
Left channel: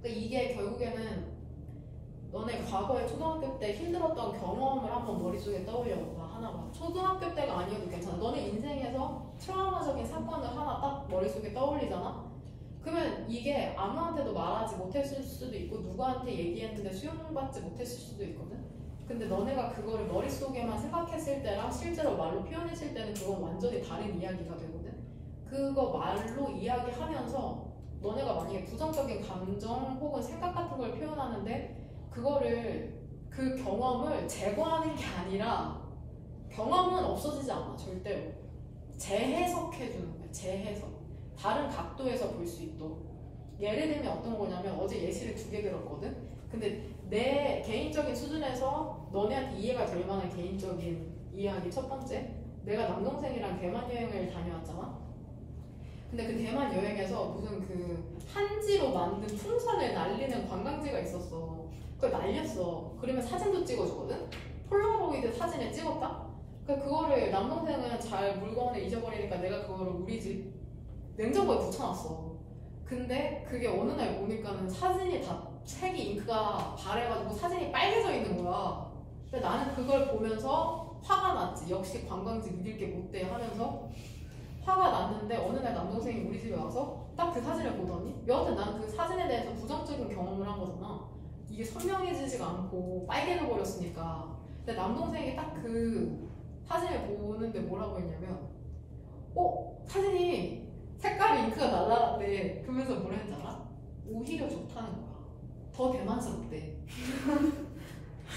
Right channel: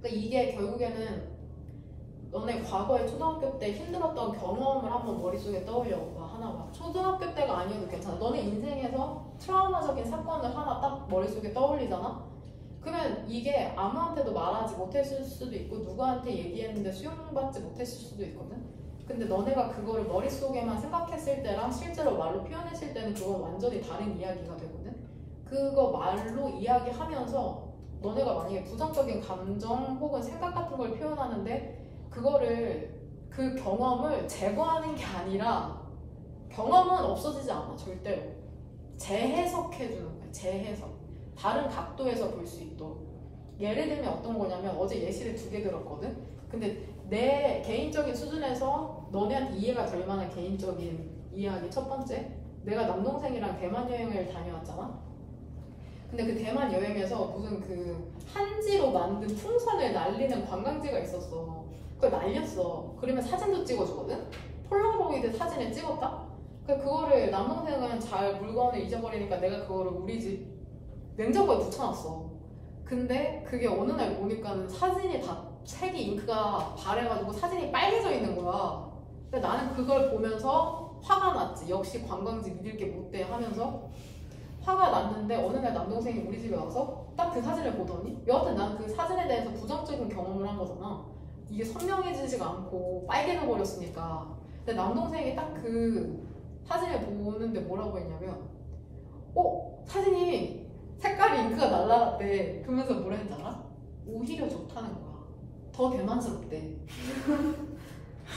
그러니까 이게 결국에는 너네 과거에 초등학교 때 힘들었던 경험을 한번 머릿속에 떠올려봐. 하나만. 초등학교 때가 아니어도 괜찮아. 너네 인생에서 트라우마적인 사건을 하나 딱 머릿속에 떠올리잖아? 그러면 이게 아무한테도 말하지 못했을 수도 있고 누구한테 얘기했는데 수용받지 못했을 수도 있거든? 근데 너네가 그거를 머릿속에만 생각했을 때랑 실제로 말로 표현했을 때는 그건 완전히 다른 이야기가 되거든? 그거 말로 이야기하면서 너네가 만약에 부정적인 감정 혹은 생각 같은 걸 표현하는데 그거를 그 경험을 제거하는 게 아니라 경험은 없어지지 않아. 절대로. 재해석해주는 거야. 재해석. 다른 각도에서 볼 수 있도록. 예를 들면 어떤 거냐면 어제 예시를 2개 들었거든. 근데 내 개인적인 수준에서 너네한테 이해가 될 만한 개인적인 이야기. 첫 번째, 내가 남동생이랑 대만 여행을 다녀왔잖아. 근데 그 대만 여행에서 무슨 그 한지로 만든 풍선을 날리는 관광지가 있었어. 그걸 날렸어. 그러면 사진도 찍어주거든? 폴라로이드 사진을 찍었다? 그거를 남동생은 잘 물건을 잊어버리니까 내가 그거를 우리 집 냉장고에 붙여놨어. 근데 그게 어느 날 보니까는 사진이 다 색이 잉크가 바래가지고 사진이 빨개져 있는 거야. 근데 나는 그걸 보면서 화가 났지. 역시 관광지 믿을 게 못돼 하면서 화가 났는데 어느 날 남동생이 우리 집에 와서 딱 그 사진을 보더니 여하튼 나는 그 사진에 대해서 부정적인 경험을 한 거잖아. 이게 선명해지지가 않고 빨개져 버렸으니까. 근데 남동생이 딱 그 사진을 보는데 뭐라고 했냐면 사진이 색깔이 잉크가 날라갔대. 그러면서 뭐라 했지 알아? 오히려 좋다는 거야. 더 대만스럽대.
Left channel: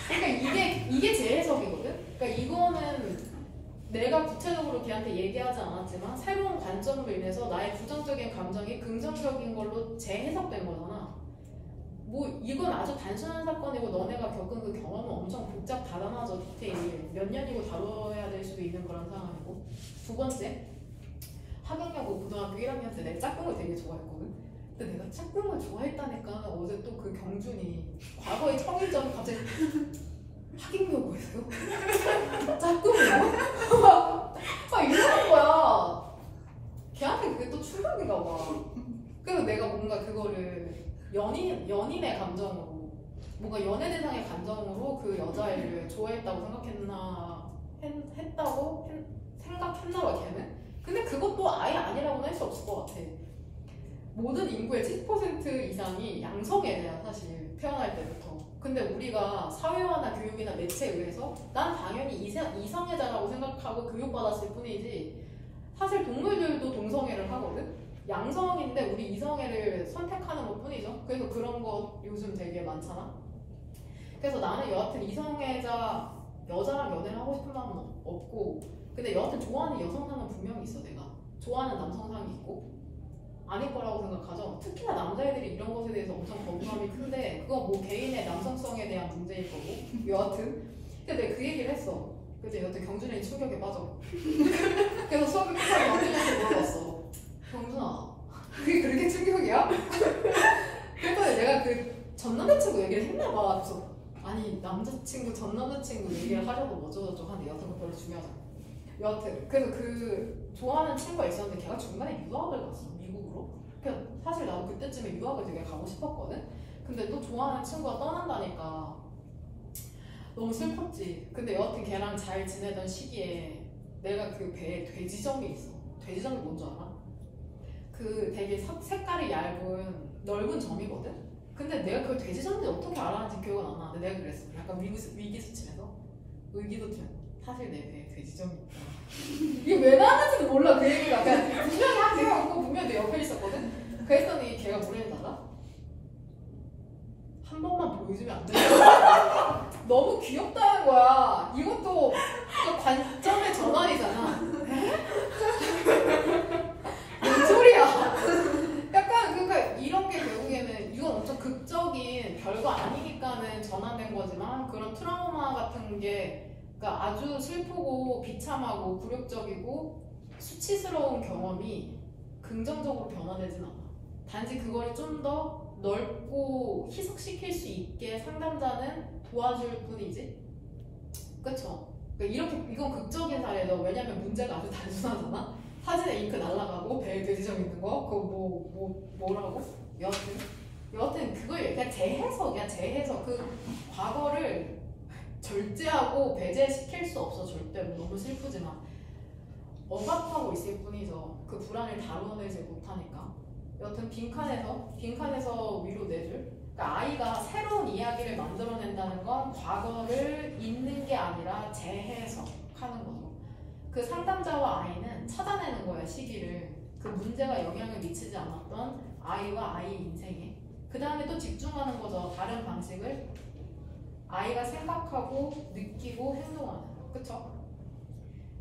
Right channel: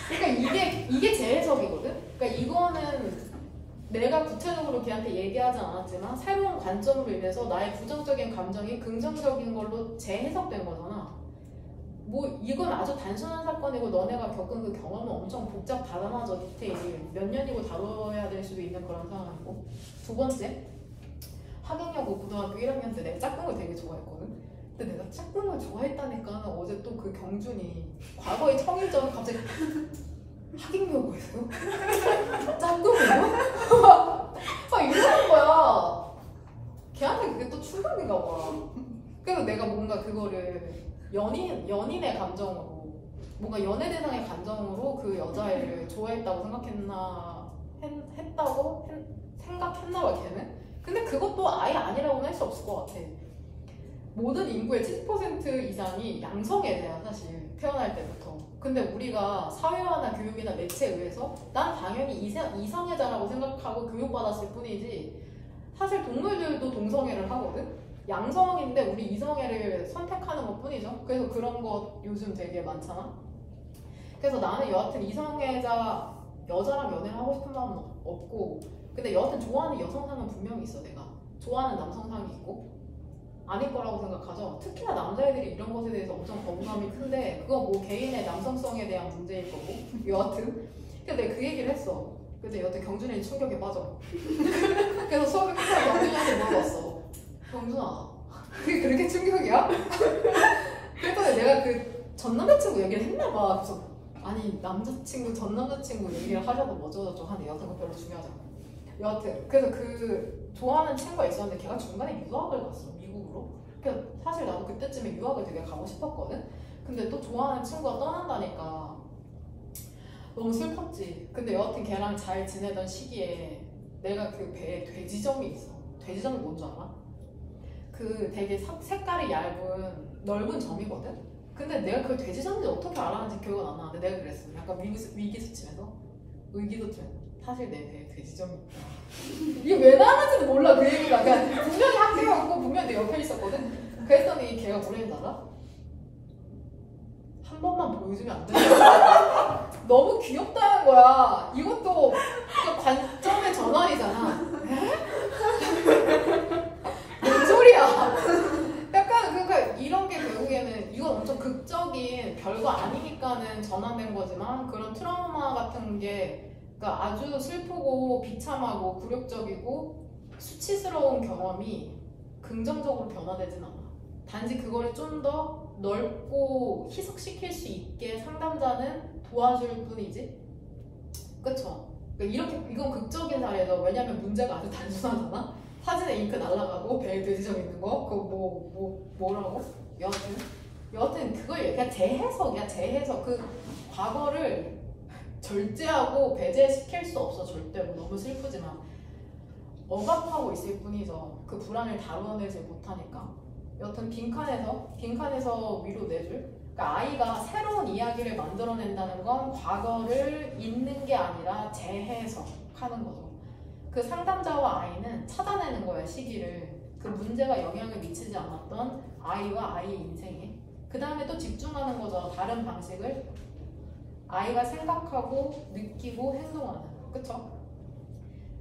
그러니까 이게 제 해석이거든? 그러니까 이거는 내가 구체적으로 걔한테 얘기하지 않았지만 새로운 관점으로 인해서 나의 부정적인 감정이 긍정적인 걸로 재해석된 거잖아. 뭐 이건 아주 단순한 사건이고 너네가 겪은 그 경험은 엄청 복잡 다단하죠. 디테일 몇 년이고 다뤄야 될 수도 있는 거란 상황이고. 두 번째, 하객여고 고등학교 1학년 때 내가 짝꿍을 되게 좋아했거든. 근데 내가 짝꿍을 좋아했다니까 어제 또 그 경준이 과거의 청일전 갑자기 하객여고였어요? 짝꿍이요? 막 이러는 거야. 걔한테 그게 또 충격인가 봐. 그래서 내가 뭔가 그거를 연인의 감정으로 뭔가 연애 대상의 감정으로 그 여자애를 좋아했다고 생각했나 봐 걔는. 근데 그것도 아예 아니라고는 할 수 없을 것 같아. 모든 인구의 70% 이상이 양성애네요, 사실 태어날 때부터. 근데 우리가 사회화나 교육이나 매체에 의해서 난 당연히 이성애자라고 생각하고 교육받았을 뿐이지, 사실 동물들도 동성애를 하거든. 양성인데 우리 이성애를 선택하는 것 뿐이죠. 그래서 그런 거 요즘 되게 많잖아. 그래서 나는 여하튼 이성애자 여자랑 연애를 하고 싶은 마음은 없고, 근데 여하튼 좋아하는 여성상은 분명히 있어. 내가 좋아하는 남성상이 있고 아닐 거라고 생각하죠. 특히나 남자애들이 이런 것에 대해서 엄청 거부감이 큰데 그거 뭐 개인의 남성성에 대한 문제일 거고. 여하튼 근데 내가 그 얘기를 했어. 근데 여하튼 경준이 충격에 빠져. 그래서 수업을 끝나고 경준이한테 물어봤어. 경준아, 그게 그렇게 충격이야? 그래서 내가 그 전 남자친구 얘기를 했나 봐. 그래서 아니 남자친구 전 남자친구 얘기를 하려고 뭐저저저 하는데 여하튼 그거 별로 중요하잖아. 여하튼 그래서 그 좋아하는 친구가 있었는데 걔가 중간에 유학을 갔어, 미국으로. 그러니까 사실 나도 그때쯤에 유학을 되게 가고 싶었거든. 근데 또 좋아하는 친구가 떠난다니까 너무 슬펐지. 근데 여하튼 걔랑 잘 지내던 시기에 내가 그 배에 돼지점이 있어. 돼지점이 뭔 줄 알아? 그 되게 색깔이 얇은 넓은 점이거든. 근데 내가 그걸 돼지점인지 어떻게 알았는지 기억은 안 나는데 내가 그랬어. 약간 위기수침해서 사실 내 배에 돼지점이 있다. 이게 왜 나왔는지도 몰라. 그 얘기가 그냥 분명히 학교였고 분명히 내 옆에 있었거든. 그랬더니 걔가 뭐랬는 알아? 한 번만 보여주면 안 되냐? 너무 귀엽다는 거야. 이것도 그 관점의 전환이잖아. 뭔 소리야? 약간 그러니까 이런 게 결국에는 이건 엄청 극적인 별거 아니니까는 전환된 거지만, 그런 트라우마 같은 게 그러니까 아주 슬프고 비참하고 굴욕적이고 수치스러운 경험이 긍정적으로 변화되진 않아. 단지 그걸 좀 더 넓고 희석시킬 수 있게 상담자는 도와줄 뿐이지. 그쵸? 그러니까 이렇게 이건 극적인 사례죠. 왜냐면 문제가 아주 단순하잖아. 사진에 잉크 날아가고 배에 돼지점 있는 거 그거 뭐라고? 여하튼 그걸 그냥 재해석이야. 재해석. 그 과거를 절제하고 배제시킬 수 없어. 절대로. 너무 슬프지만 억압하고 있을 뿐이죠. 그 불안을 다뤄내지 못하니까. 여튼 빈칸에서 위로 내줄. 그러니까 아이가 새로운 이야기를 만들어낸다는 건 과거를 잊는 게 아니라 재해석하는 거죠. 그 상담자와 아이는 찾아내는 거야, 시기를. 그 문제가 영향을 미치지 않았던 아이와 아이의 인생에. 그 다음에 또 집중하는 거죠. 다른 방식을 아이가 생각하고 느끼고 행동하는. 그쵸?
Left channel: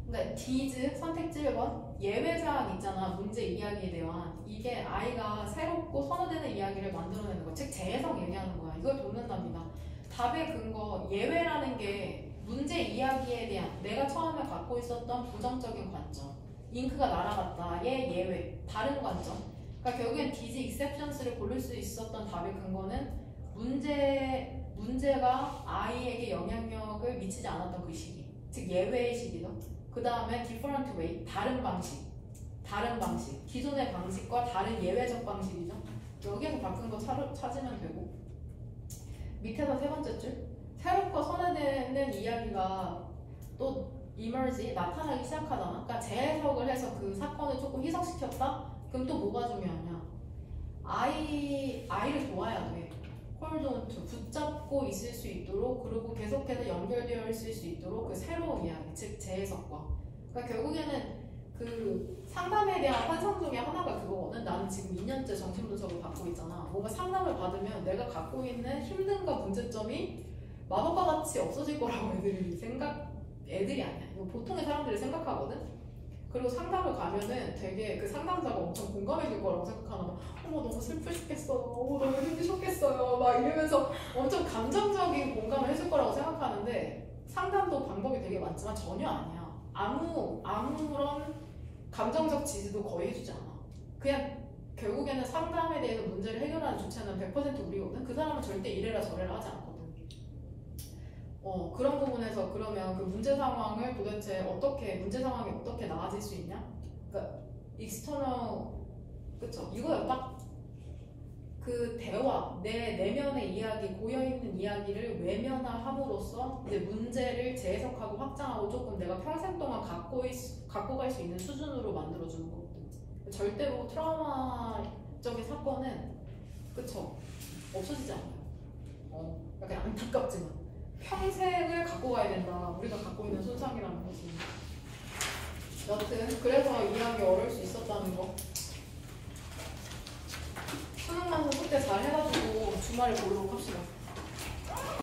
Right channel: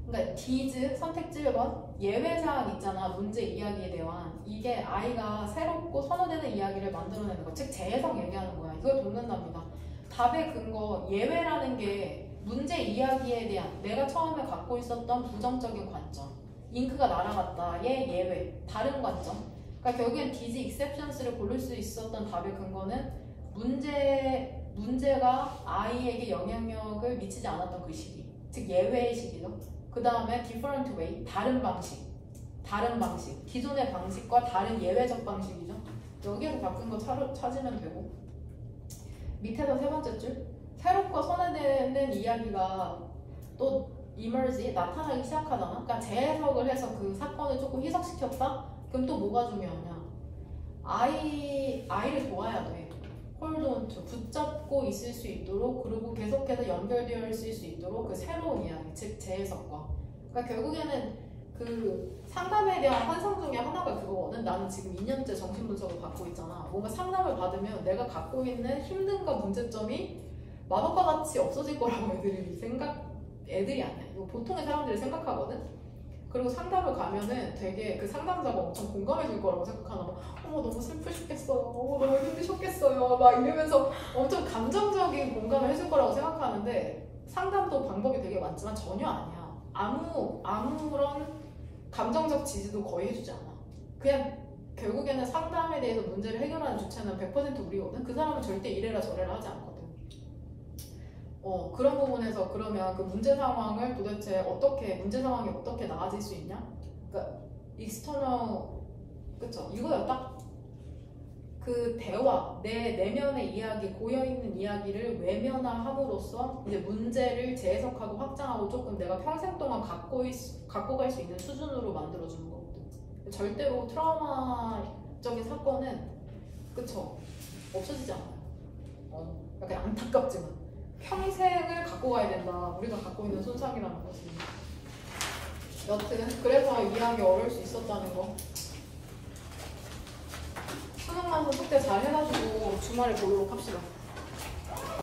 그러니까 디즈 선택지 1번 예외사항 있잖아. 문제 이야기에 대한. 이게 아이가 새롭고 선호되는 이야기를 만들어내는 거. 즉 재해석 얘기하는 거야. 이걸 돕는답니다. 답의 근거 예외라는 게 문제 이야기에 대한 내가 처음에 갖고 있었던 부정적인 관점. 잉크가 날아갔다의 예외. 다른 관점. 그러니까 결국엔 디즈 익셉션스를 고를 수 있었던 답의 근거는 문제가 아이에게 영향력을 미치지 않았던 그 시기. 즉 예외의 시기죠. 그 다음에 different way, 다른 방식. 기존의 방식과 다른 예외적 방식이죠. 여기에서 바꾼 거 찾으면 되고. 밑에서 세 번째 줄. 새롭고 선호되는 이야기가 또 emerge, 나타나기 시작하잖아. 그러니까 재해석을 해서 그 사건을 조금 희석시켰다? 그럼 또 뭐가 중요하냐? 아이를 도와야 돼. hold on to, 붙잡고 있을 수 있도록, 그리고 계속해서 연결되어 있을 수 있도록 그 새로운 이야기, 즉 재해석과. 그러니까 결국에는 그 상담에 대한 환상 중에 하나가 그거거든. 나는 지금 2년째 정신분석을 받고 있잖아. 뭔가 상담을 받으면 내가 갖고 있는 힘든과 문제점이 마법과 같이 없어질 거라고 애들이 아니야. 이거 보통의 사람들이 생각하거든. 그리고 상담을 가면은 되게 그 상담자가 엄청 공감해줄 거라고 생각하나 봐. 너무 슬프셨겠어요. 너무 힘드셨겠어요. 막 이러면서 엄청 감정적인 공감을 해줄 거라고 생각하는데, 상담도 방법이 되게 많지만 전혀 아니야. 아무런 감정적 지지도 거의 해주지 않아. 그냥 결국에는 상담에 대해서 문제를 해결하는 주체는 100% 우리거든. 그 사람은 절대 이래라 저래라 하지 않거든. 그런 부분에서 그러면 그 문제 상황을 도대체 문제 상황이 어떻게 나아질 수 있냐? 그러니까 익스터널, 그쵸? 이거야. 딱 그 대화, 내 내면의 이야기, 고여있는 이야기를 외면함으로써 이제 문제를 재해석하고 확장하고 조금 내가 평생 동안 갖고 갈 수 있는 수준으로 만들어주는 거거든. 절대로 트라우마적 극적인 사건은 그쵸 없어지지 않아요. 약간 안타깝지만 평생을 갖고 가야 된다. 우리가 갖고 있는 손상이라는 것이. 여튼 그래서 이해하기 어려울 수 있었다는 거. 수능 완성 숙제 잘 해가지고 주말에 보도록 합시다.